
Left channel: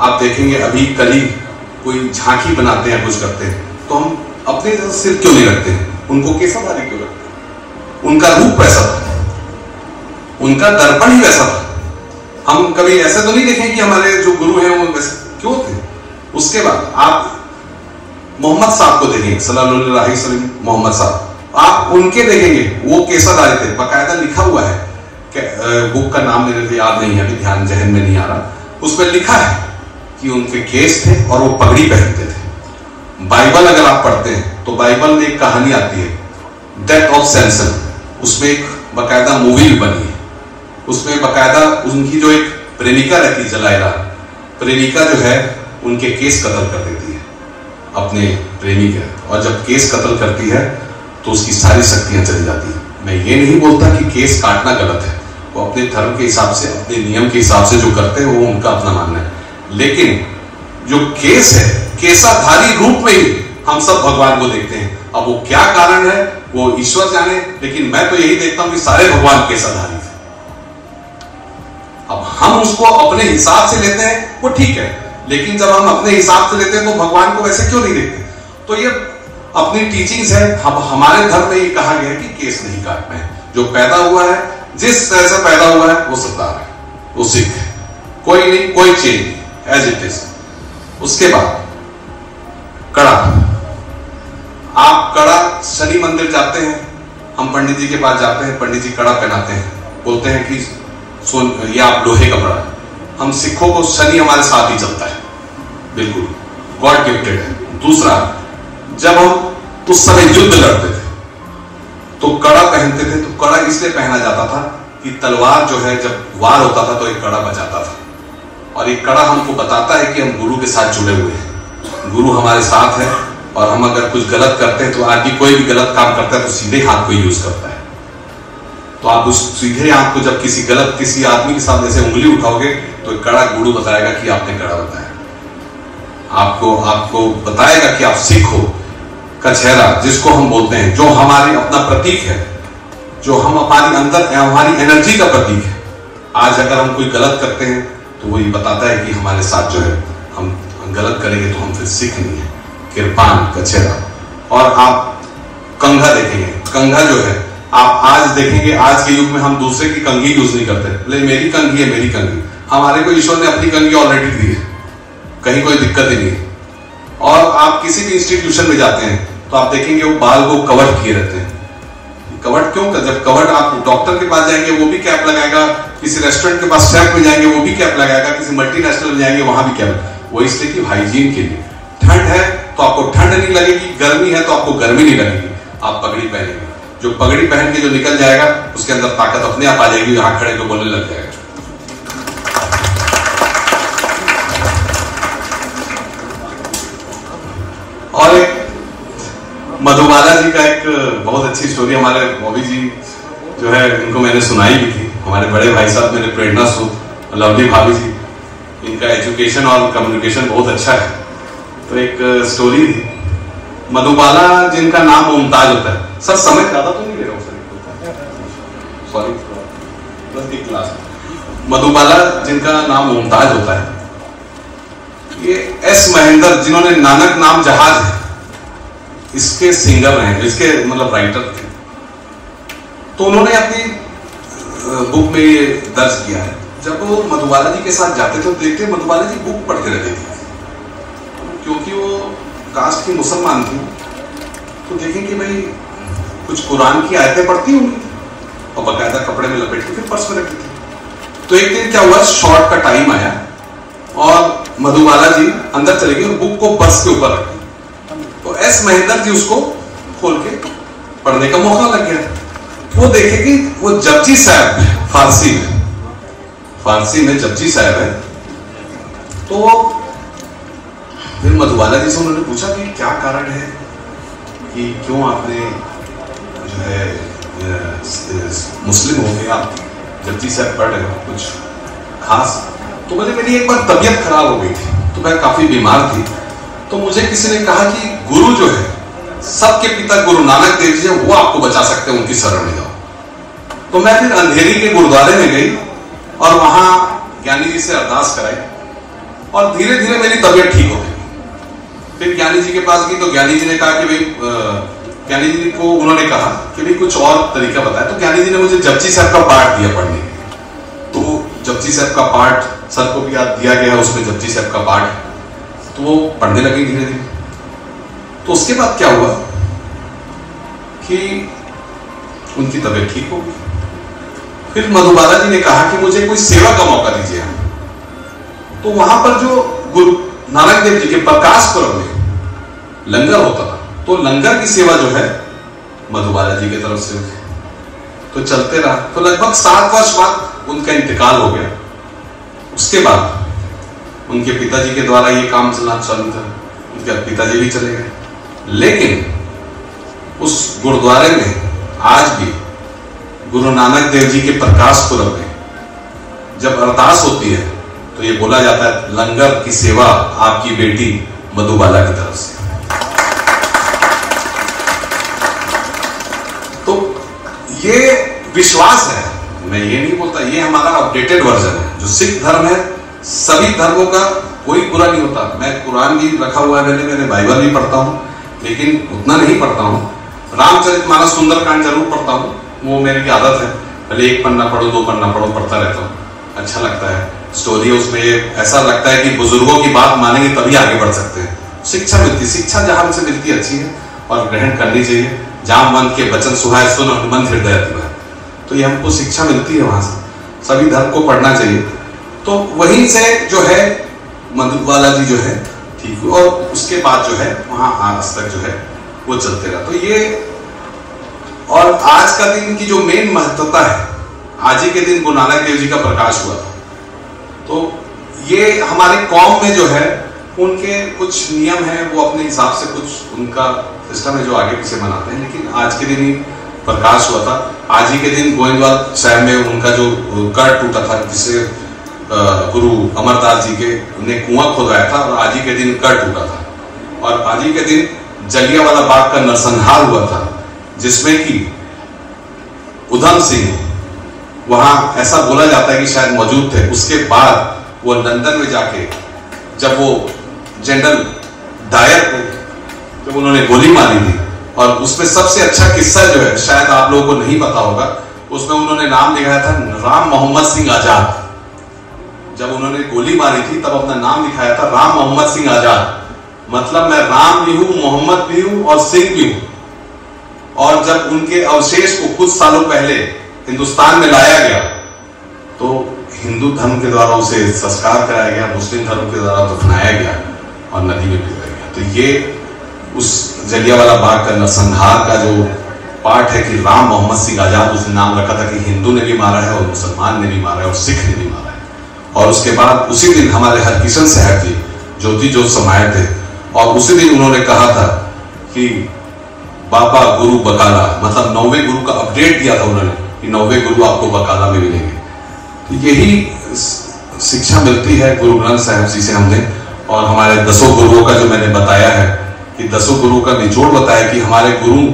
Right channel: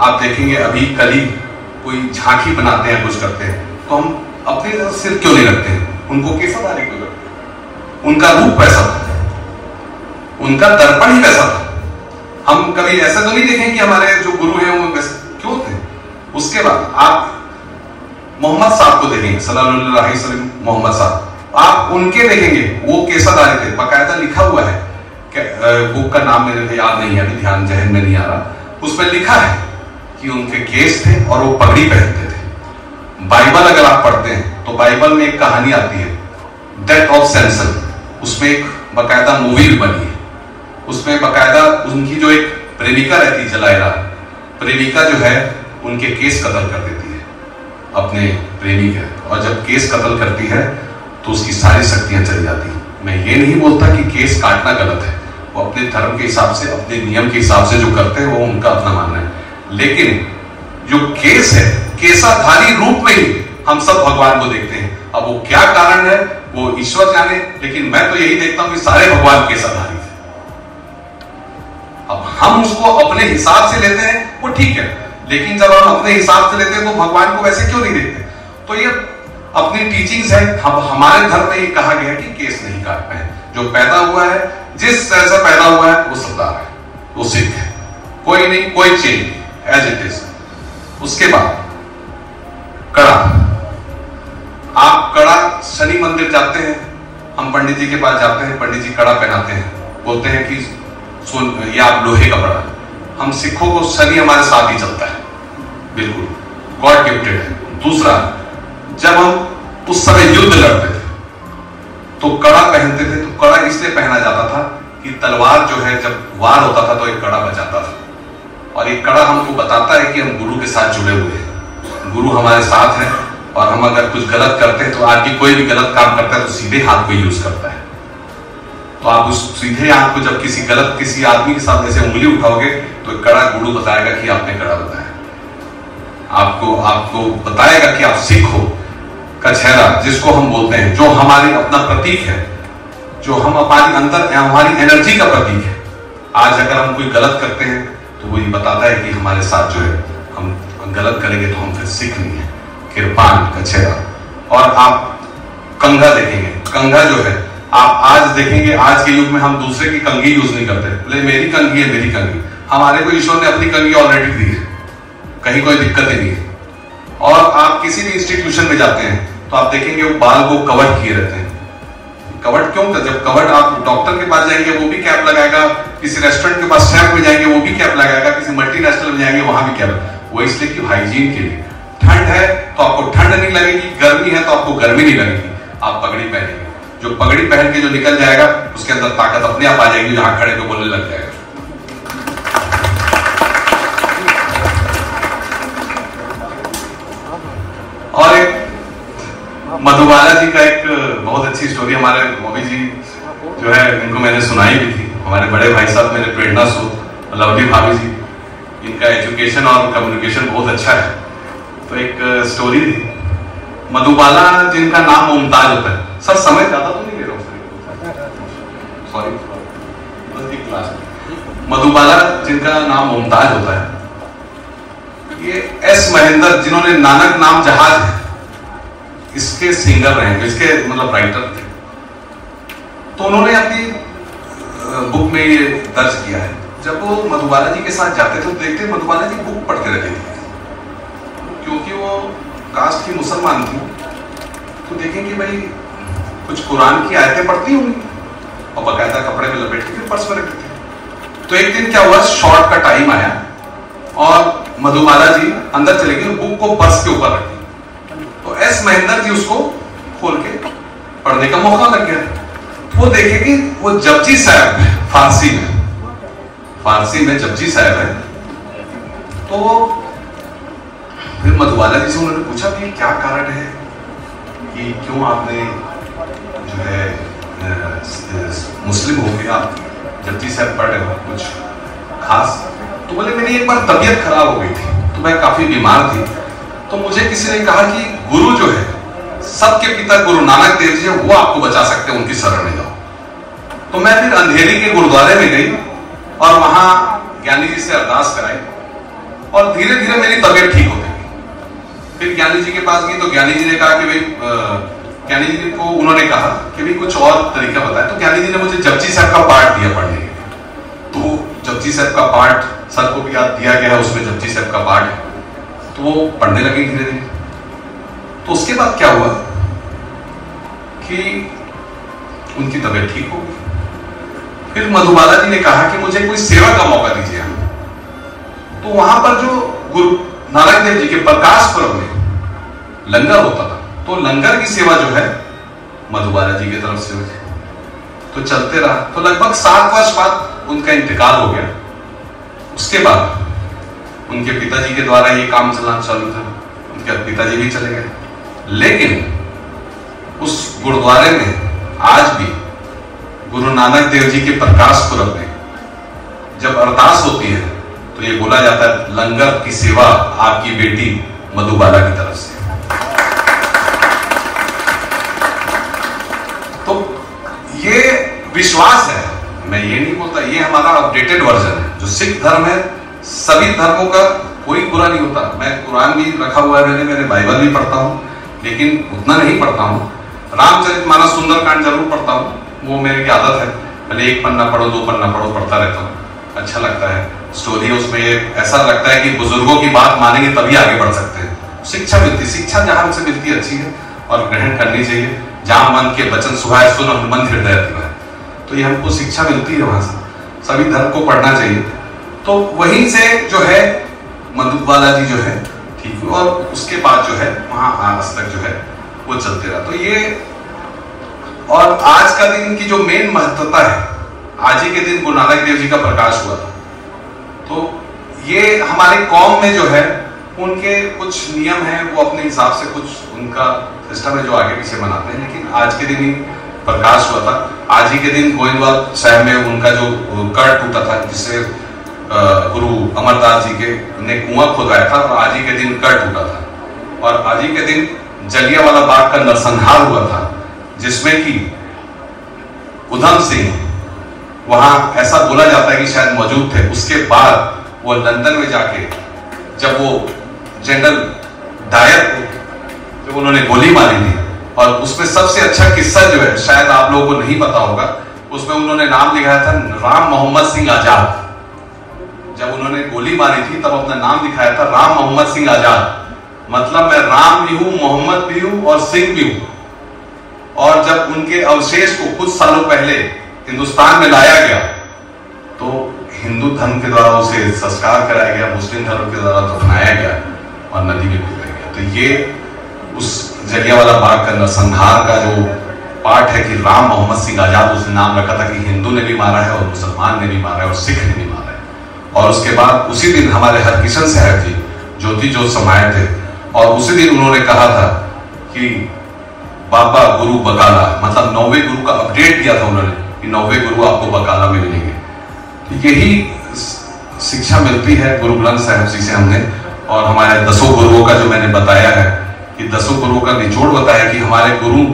आप देखेंगे अभी करीब कोई झांकी बनाते हैं, कुछ करते हैं, तो हम अपने तरफ सिर क्यों नहीं रखते हैं? उनको केसरधारी क्यों रखते हैं? उनका रूप वैसा था, उनका दर्पण ही वैसा था। कभी ऐसा तो नहीं देखें कि हमारे जो गुरु हैं वो क्यों थे। उसके बाद आप मोहम्मद साहब को देखेंगे, सल्लल्लाहु अलैहि वसल्लम, मोहम्मद साहब, आप उनके देखेंगे वो केसाधारी थे, बाकायदा लिखा हुआ है, बुक का नाम मेरे याद नहीं है, अभी ध्यान जहन में नहीं आ रहा, उसमें लिखा है कि उनके केस थे और वो पगड़ी पहनते थे। बाइबल अगर आप पढ़ते हैं तो बाइबल में एक कहानी आती है, डेथ ऑफ सैमसन, उसमें एक बाकायदा मूवी भी बनी है। उसमें बाकायदा उनकी जो एक प्रेमिका रहती जलाइला, प्रेमिका जो है उनके केस कत्ल कर देती है अपने प्रेमी के, और जब केस कत्ल करती है तो उसकी सारी शक्तियां चली जाती है। मैं ये नहीं बोलता कि केस काटना गलत है, वो अपने धर्म के हिसाब से, अपने नियम के हिसाब से जो करते हैं वो उनका अपना मानना है, लेकिन जो केस है, केसाधारी रूप में ही हम सब भगवान को देखते हैं। अब वो क्या कारण है वो ईश्वर जाने, लेकिन मैं तो यही देखता हूं कि सारे भगवान केसाधारी थे। अब हम उसको अपने हिसाब से लेते हैं वो ठीक है, लेकिन जब हम अपने हिसाब से लेते हैं तो भगवान को वैसे क्यों नहीं देखते? तो ये अपनी टीचिंग्स है। अब हमारे धर्म में ये कहा गया है कि केस नहीं काटना है, जो पैदा हुआ है जिस तरह से पैदा हुआ है वो सरदार है, वो सिख है, कोई नहीं, कोई चेंज नहीं, एज इट इज। उसके बाद कड़ा, आप कड़ा शनि मंदिर जाते हैं, हम पंडित जी के पास जाते हैं, पंडित जी कड़ा पहनाते हैं, बोलते हैं कि ये आप लोहे का कड़ा। हम सिखों को शनि हमारे साथ ही चलता है, बिल्कुल गॉड गिफ्टेड है। दूसरा, जब हम उस समय युद्ध लड़ते थे तो कड़ा पहनते थे, तो कड़ा इसलिए पहना जाता था कि तलवार जो है जब वार होता था तो एक कड़ा बचाता था, और एक कड़ा हमको बताता है कि हम गुरु के साथ जुड़े हुए हैं, गुरु हमारे साथ है, और हम अगर कुछ गलत करते हैं तो आज भी कोई भी गलत काम करता है तो सीधे हाथ को यूज करता है। तो आप उस सीधे हाथ को जब किसी आदमी के साथ जैसे उंगली उठाओगे तो कड़ा गुरु बताएगा कि आपने कड़ा बताया, आपको बताएगा कि आप सिख हो। कछहरा जिसको हम बोलते हैं, जो हमारे अपना प्रतीक है, जो हम हमारे अंदर हमारी एनर्जी का प्रतीक है, आज अगर हम कोई गलत करते हैं तो वो ये बताता है कि हमारे साथ जो है हम गलत करेंगे तो हम फिर सीख नहीं है। किरपान, कछहरा, और आप कंघा देखेंगे, कंघा जो है आप आज देखेंगे, आज के युग में हम दूसरे की कंघी यूज नहीं करते, मेरी कंघी है, मेरी कंघी। हमारे को ईश्वर ने अपनी कंघी ऑलरेडी दी है, कहीं कोई दिक्कत ही नहीं है। और आप किसी भी इंस्टीट्यूशन में जाते हैं तो आप देखेंगे वो बाल को कवर किए रहते हैं। कवर क्यों? जब कवर, आप डॉक्टर के पास जाएंगे वो भी कैप लगाएगा, किसी रेस्टोरेंट के पास शेफ में जाएंगे वो भी कैप लगाएगा, किसी मल्टीनेशनल में जाएंगे वहां भी कैप, वो इसलिए कि हाइजीन के लिए। ठंड है तो आपको ठंड नहीं लगेगी, गर्मी है तो आपको गर्मी नहीं लगेगी, आप पगड़ी पहनेंगे। जो पगड़ी पहन के जो निकल जाएगा उसके अंदर ताकत अपने आप आ जाएगी, यहां खड़े को बोलने लग जाएगा। और एक मधुबाला जी का एक बहुत अच्छी स्टोरी, हमारे मोदी जी जो है इनको मैंने सुनाई भी थी, हमारे बड़े भाई साहब मेरे प्रेरणा स्रोत लवली भाभी जी, इनका एजुकेशन और कम्युनिकेशन बहुत अच्छा है। तो एक स्टोरी थी, मधुबाला जिनका नाम मुमताज होता है, सर समय ज्यादा तो नहीं ले रहे, सॉरी, क्लास। मधुबाला जिनका नाम मुमताज होता है, ये एस महेंद्र जिन्होंने नानक नाम जहाज है इसके सिंगर रहे, इसके मतलब राइटर थे, तो उन्होंने अपनी बुक में ये दर्ज किया है। जब वो मधुबाला जी के साथ जाते थे तो देखते मधुबाला जी बुक पढ़ते रहते थे, क्योंकि वो कास्ट की मुसलमान थी, तो देखें कि भाई कुछ कुरान की आयतें पढ़ती होंगी और बाकायदा कपड़े में लपेट के पर्स में रखते थे। तो एक दिन क्या हुआ, शॉर्ट का टाइम आया और मधुबाला जी अंदर चले गए, बुक को पर्स के ऊपर रखी, तो एस महेंद्र जी उसको खोल के पढ़ने का मौका लग गया। वो देखे कि वो जपजी साहब है, फारसी में जपजी साहब है। तो फिर मधुबाला जी से उन्होंने पूछा कि क्या कारण है कि क्यों आपने जो है मुस्लिम हो गए, आप जपजी साहब पढ़ रहे हो, कुछ खास? तो बोले मेरी एक बार तबीयत खराब हो गई थी, तो मैं काफी बीमार थी, तो मुझे किसी ने कहा कि गुरु जो है सबके पिता गुरु नानक देव जी है, वो आपको बचा सकते हैं, उनकी शरण में जाओ। तो मैं फिर अंधेरी के गुरुद्वारे में गई और वहां ज्ञानी जी से अरदास कराई और धीरे धीरे मेरी तबीयत ठीक होती गई। फिर ज्ञानी जी के पास गई तो ज्ञानी जी ने कहा कि भाई, ज्ञानी जी को उन्होंने कहा कि भाई कुछ और तरीका बताया, तो ज्ञानी जी ने मुझे जपजी साहब का पाठ दिया पढ़ने। तो जपजी साहब का पाठ सर को भी याद दिया गया है, उसमें जपजी साहब का पाठ है, तो वो पढ़ने लगे धीरे धीरे। तो उसके बाद क्या हुआ कि उनकी तबीयत ठीक हो गई। फिर मधुबाला जी ने कहा कि मुझे कोई सेवा का मौका दीजिए। तो वहां पर जो गुरु नानक देव जी के प्रकाश पर्व में लंगर होता था, तो लंगर की सेवा जो है मधुबाला जी की तरफ से होती, तो चलते रहा। तो लगभग 7 वर्ष बाद उनका इंतकाल हो गया। उसके बाद उनके पिताजी के द्वारा ये काम चलना चालू था, उनके पिताजी भी चले गए। लेकिन उस गुरुद्वारे में आज भी गुरु नानक देव जी के प्रकाश पुरब में जब अरदास होती है तो ये बोला जाता है, लंगर की सेवा आपकी बेटी मधुबाला की तरफ से। तो ये विश्वास है, मैं ये नहीं बोलता, ये हमारा अपडेटेड वर्जन है। जो सिख धर्म है, सभी धर्मों का कोई बुरा नहीं होता। मैं कुरान भी रखा हुआ है, मैंने बाइबल भी पढ़ता हूँ, लेकिन उतना नहीं पढ़ता हूँ। रामचरितमानस सुंदरकांड जरूर पढ़ता हूँ, वो मेरी आदत है। पहले 1 पन्ना पढ़ो, 2 पन्ना पढ़ो, पढ़ता रहता हूँ, अच्छा लगता है। स्टोरी उसमें ऐसा लगता है कि बुजुर्गों की बात मानेंगे तभी आगे बढ़ सकते हैं। शिक्षा मिलती, शिक्षा जहां से मिलती है अच्छी है और ग्रहण करनी चाहिए। जहां मन के वचन सुहाए सुन हनुमंत हृदय अतिवाए, तो ये हमको शिक्षा मिलती है वहां से। सभी धर्म को पढ़ना चाहिए। तो वहीं से जो है मधुबाला जी जो है ठीक हुई, और उसके बाद जो है वहां आज तक जो है वो चलते रहा। तो ये, और आज का दिन की जो मेन महत्वता है, आज ही के दिन गुरु नानक देव जी का प्रकाश हुआ था। तो ये हमारे कौम में जो है उनके कुछ नियम हैं, वो अपने हिसाब से कुछ उनका सिस्टम है जो आगे पीछे मनाते हैं, लेकिन आज के दिन ही प्रकाश हुआ था। आज ही के दिन गोविंदवाल साहब में उनका जो कर टूटा था, जिसे गुरु अमरदास जी के ने कुआं खोदाया था, और आज ही के दिन कर टूटा था। और आज ही के दिन जलियांवाला बाग का नरसंहार हुआ था, जिसमें कि उधम सिंह वहां ऐसा बोला जाता है कि शायद मौजूद थे। उसके बाद वो लंदन में जाके जब वो जनरल डायर को जब उन्होंने गोली मारी थी, और उसमें सबसे अच्छा किस्सा जो है, शायद आप लोगों को नहीं पता होगा, उसमें उन्होंने नाम लिखाया था राम मोहम्मद सिंह आजाद। जब उन्होंने गोली मारी थी तब अपना नाम लिखाया था राम मोहम्मद सिंह आजाद, मतलब मैं राम भी हूं, मोहम्मद भी हूं और सिंह भी हूं। और जब उनके अवशेष को कुछ सालों पहले हिंदुस्तान में लाया गया, तो हिंदू धर्म के द्वारा उसे संस्कार कराया गया, मुस्लिम धर्म के द्वारा दफनाया गया और नदी में डुबाया गया। तो ये उस जलियांवाला बाग का नरसंहार का जो पाठ है कि राम मोहम्मद सिंह आजाद, उसने नाम रखा था कि हिंदू ने भी मारा है और मुसलमान ने भी मारा है और सिख ने भी मारा है। और उसके बाद उसी दिन हमारे हरकिशन साहब जी ज्योति जोत समाये थे, और उसी दिन उन्होंने कहा था कि बाबा गुरु बकाला, मतलब 9वें गुरु का अपडेट दिया था उन्होंने कि 9वें गुरु आपको बकाला में मिलेंगे। तो यही शिक्षा मिलती है गुरु ग्रंथ साहिब जी से हमने, और हमारे 10 गुरुओं का जो मैंने बताया है कि 10 गुरुओं का निचोड़ बताया कि हमारे गुरु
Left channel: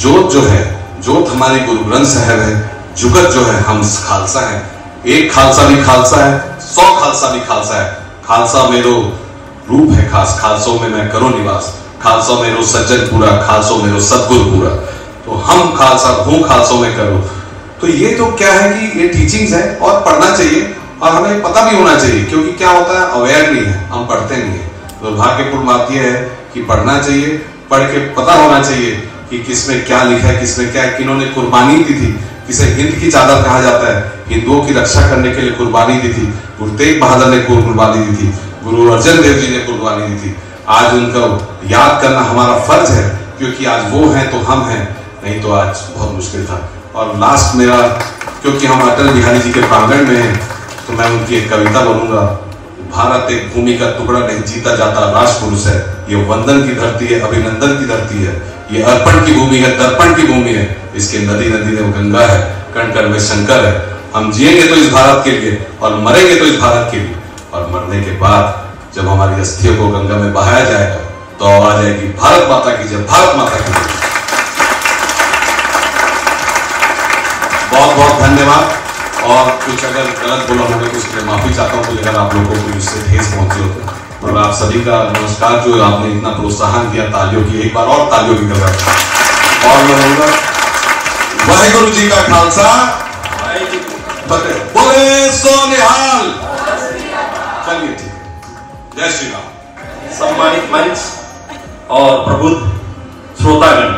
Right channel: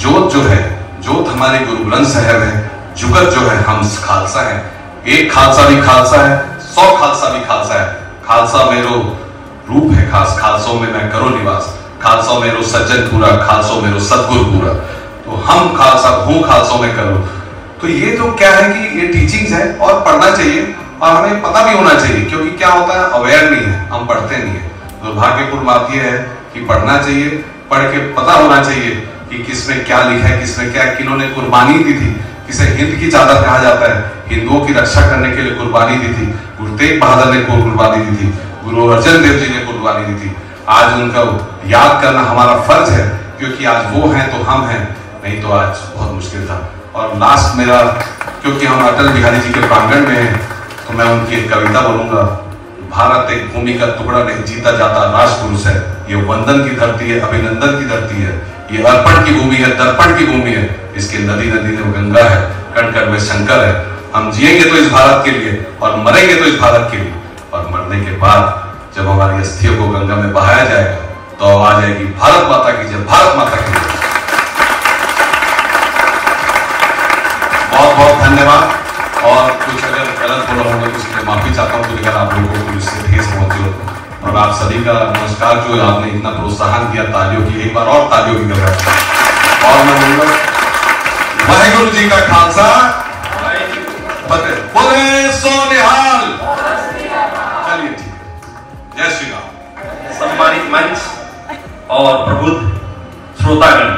जोत जो है, जोत हमारे गुरु ग्रंथ साहिब है, जुगत जो है हम खालसा है। एक खालसा भी खालसा है, 100 खालसा भी खालसा है। खालसा मेरो रूप है खास, खालसों में मैं करो निवास, खालसों मेरो सज्जन पूरा, खालसों मेरो सदगुरु पूरा। तो हम खालसा हूं, खालसों में करो। तो ये तो क्या है कि ये टीचिंग्स है और पढ़ना चाहिए, और हमें पता भी होना चाहिए, क्योंकि क्या होता है अवेयर नहीं है, हम पढ़ते नहीं है। दुर्भाग्यपूर्ण बात यह है कि पढ़ना चाहिए, पढ़ के पता होना चाहिए कि किसमें क्या लिखा है, किसमें क्या, किन्होंने कुर्बानी दी थी। किसे हिंद की चादर कहा जाता है, हिंदुओं की रक्षा करने के लिए कुर्बानी दी थी। गुरु तेग बहादुर ने कुर्बानी दी थी, गुरु अर्जन देव जी ने कुर्बानी दी थी। आज उनको याद करना हमारा फर्ज है, क्योंकि आज वो हैं तो हम हैं, नहीं तो आज बहुत मुश्किल था। और लास्ट मेरा, क्योंकि हम अटल बिहारी जी के प्रांगण में हैं, तो मैं उनकी एक कविता बोलूंगा। भारत एक भूमि का टुकड़ा नहीं, जीता जाता राष्ट्र पुरुष है। ये वंदन की धरती है, अभिनंदन की धरती है, ये अर्पण की भूमि है, दर्पण की भूमि है। इसके नदी नदी में गंगा है, कण कण में शंकर है। हम जिएंगे तो इस भारत के लिए और मरेंगे तो इस भारत के लिए। और मरने के बाद जब हमारी अस्थियों को गंगा में बहाया जाएगा तो आवाज आएगी भारत माता की जय, भारत माता की जय। बहुत बहुत धन्यवाद। और कुछ अगर गलत बोला होगा तो उसके माफी चाहता हूँ, अगर आप लोगों को इससे ठेस पहुंची हो तो। और आप सभी का नमस्कार, जो आपने इतना प्रोत्साहन दिया, तालियों की एक बार और तालियों की गवाह। और मैं बोलूंगा वाहिगुरु जी का खालसा, बोले बोले सो निहाल। चलिए ठीक है, जय श्री राम। सम्मानित मंच और प्रबुद्ध श्रोतागण,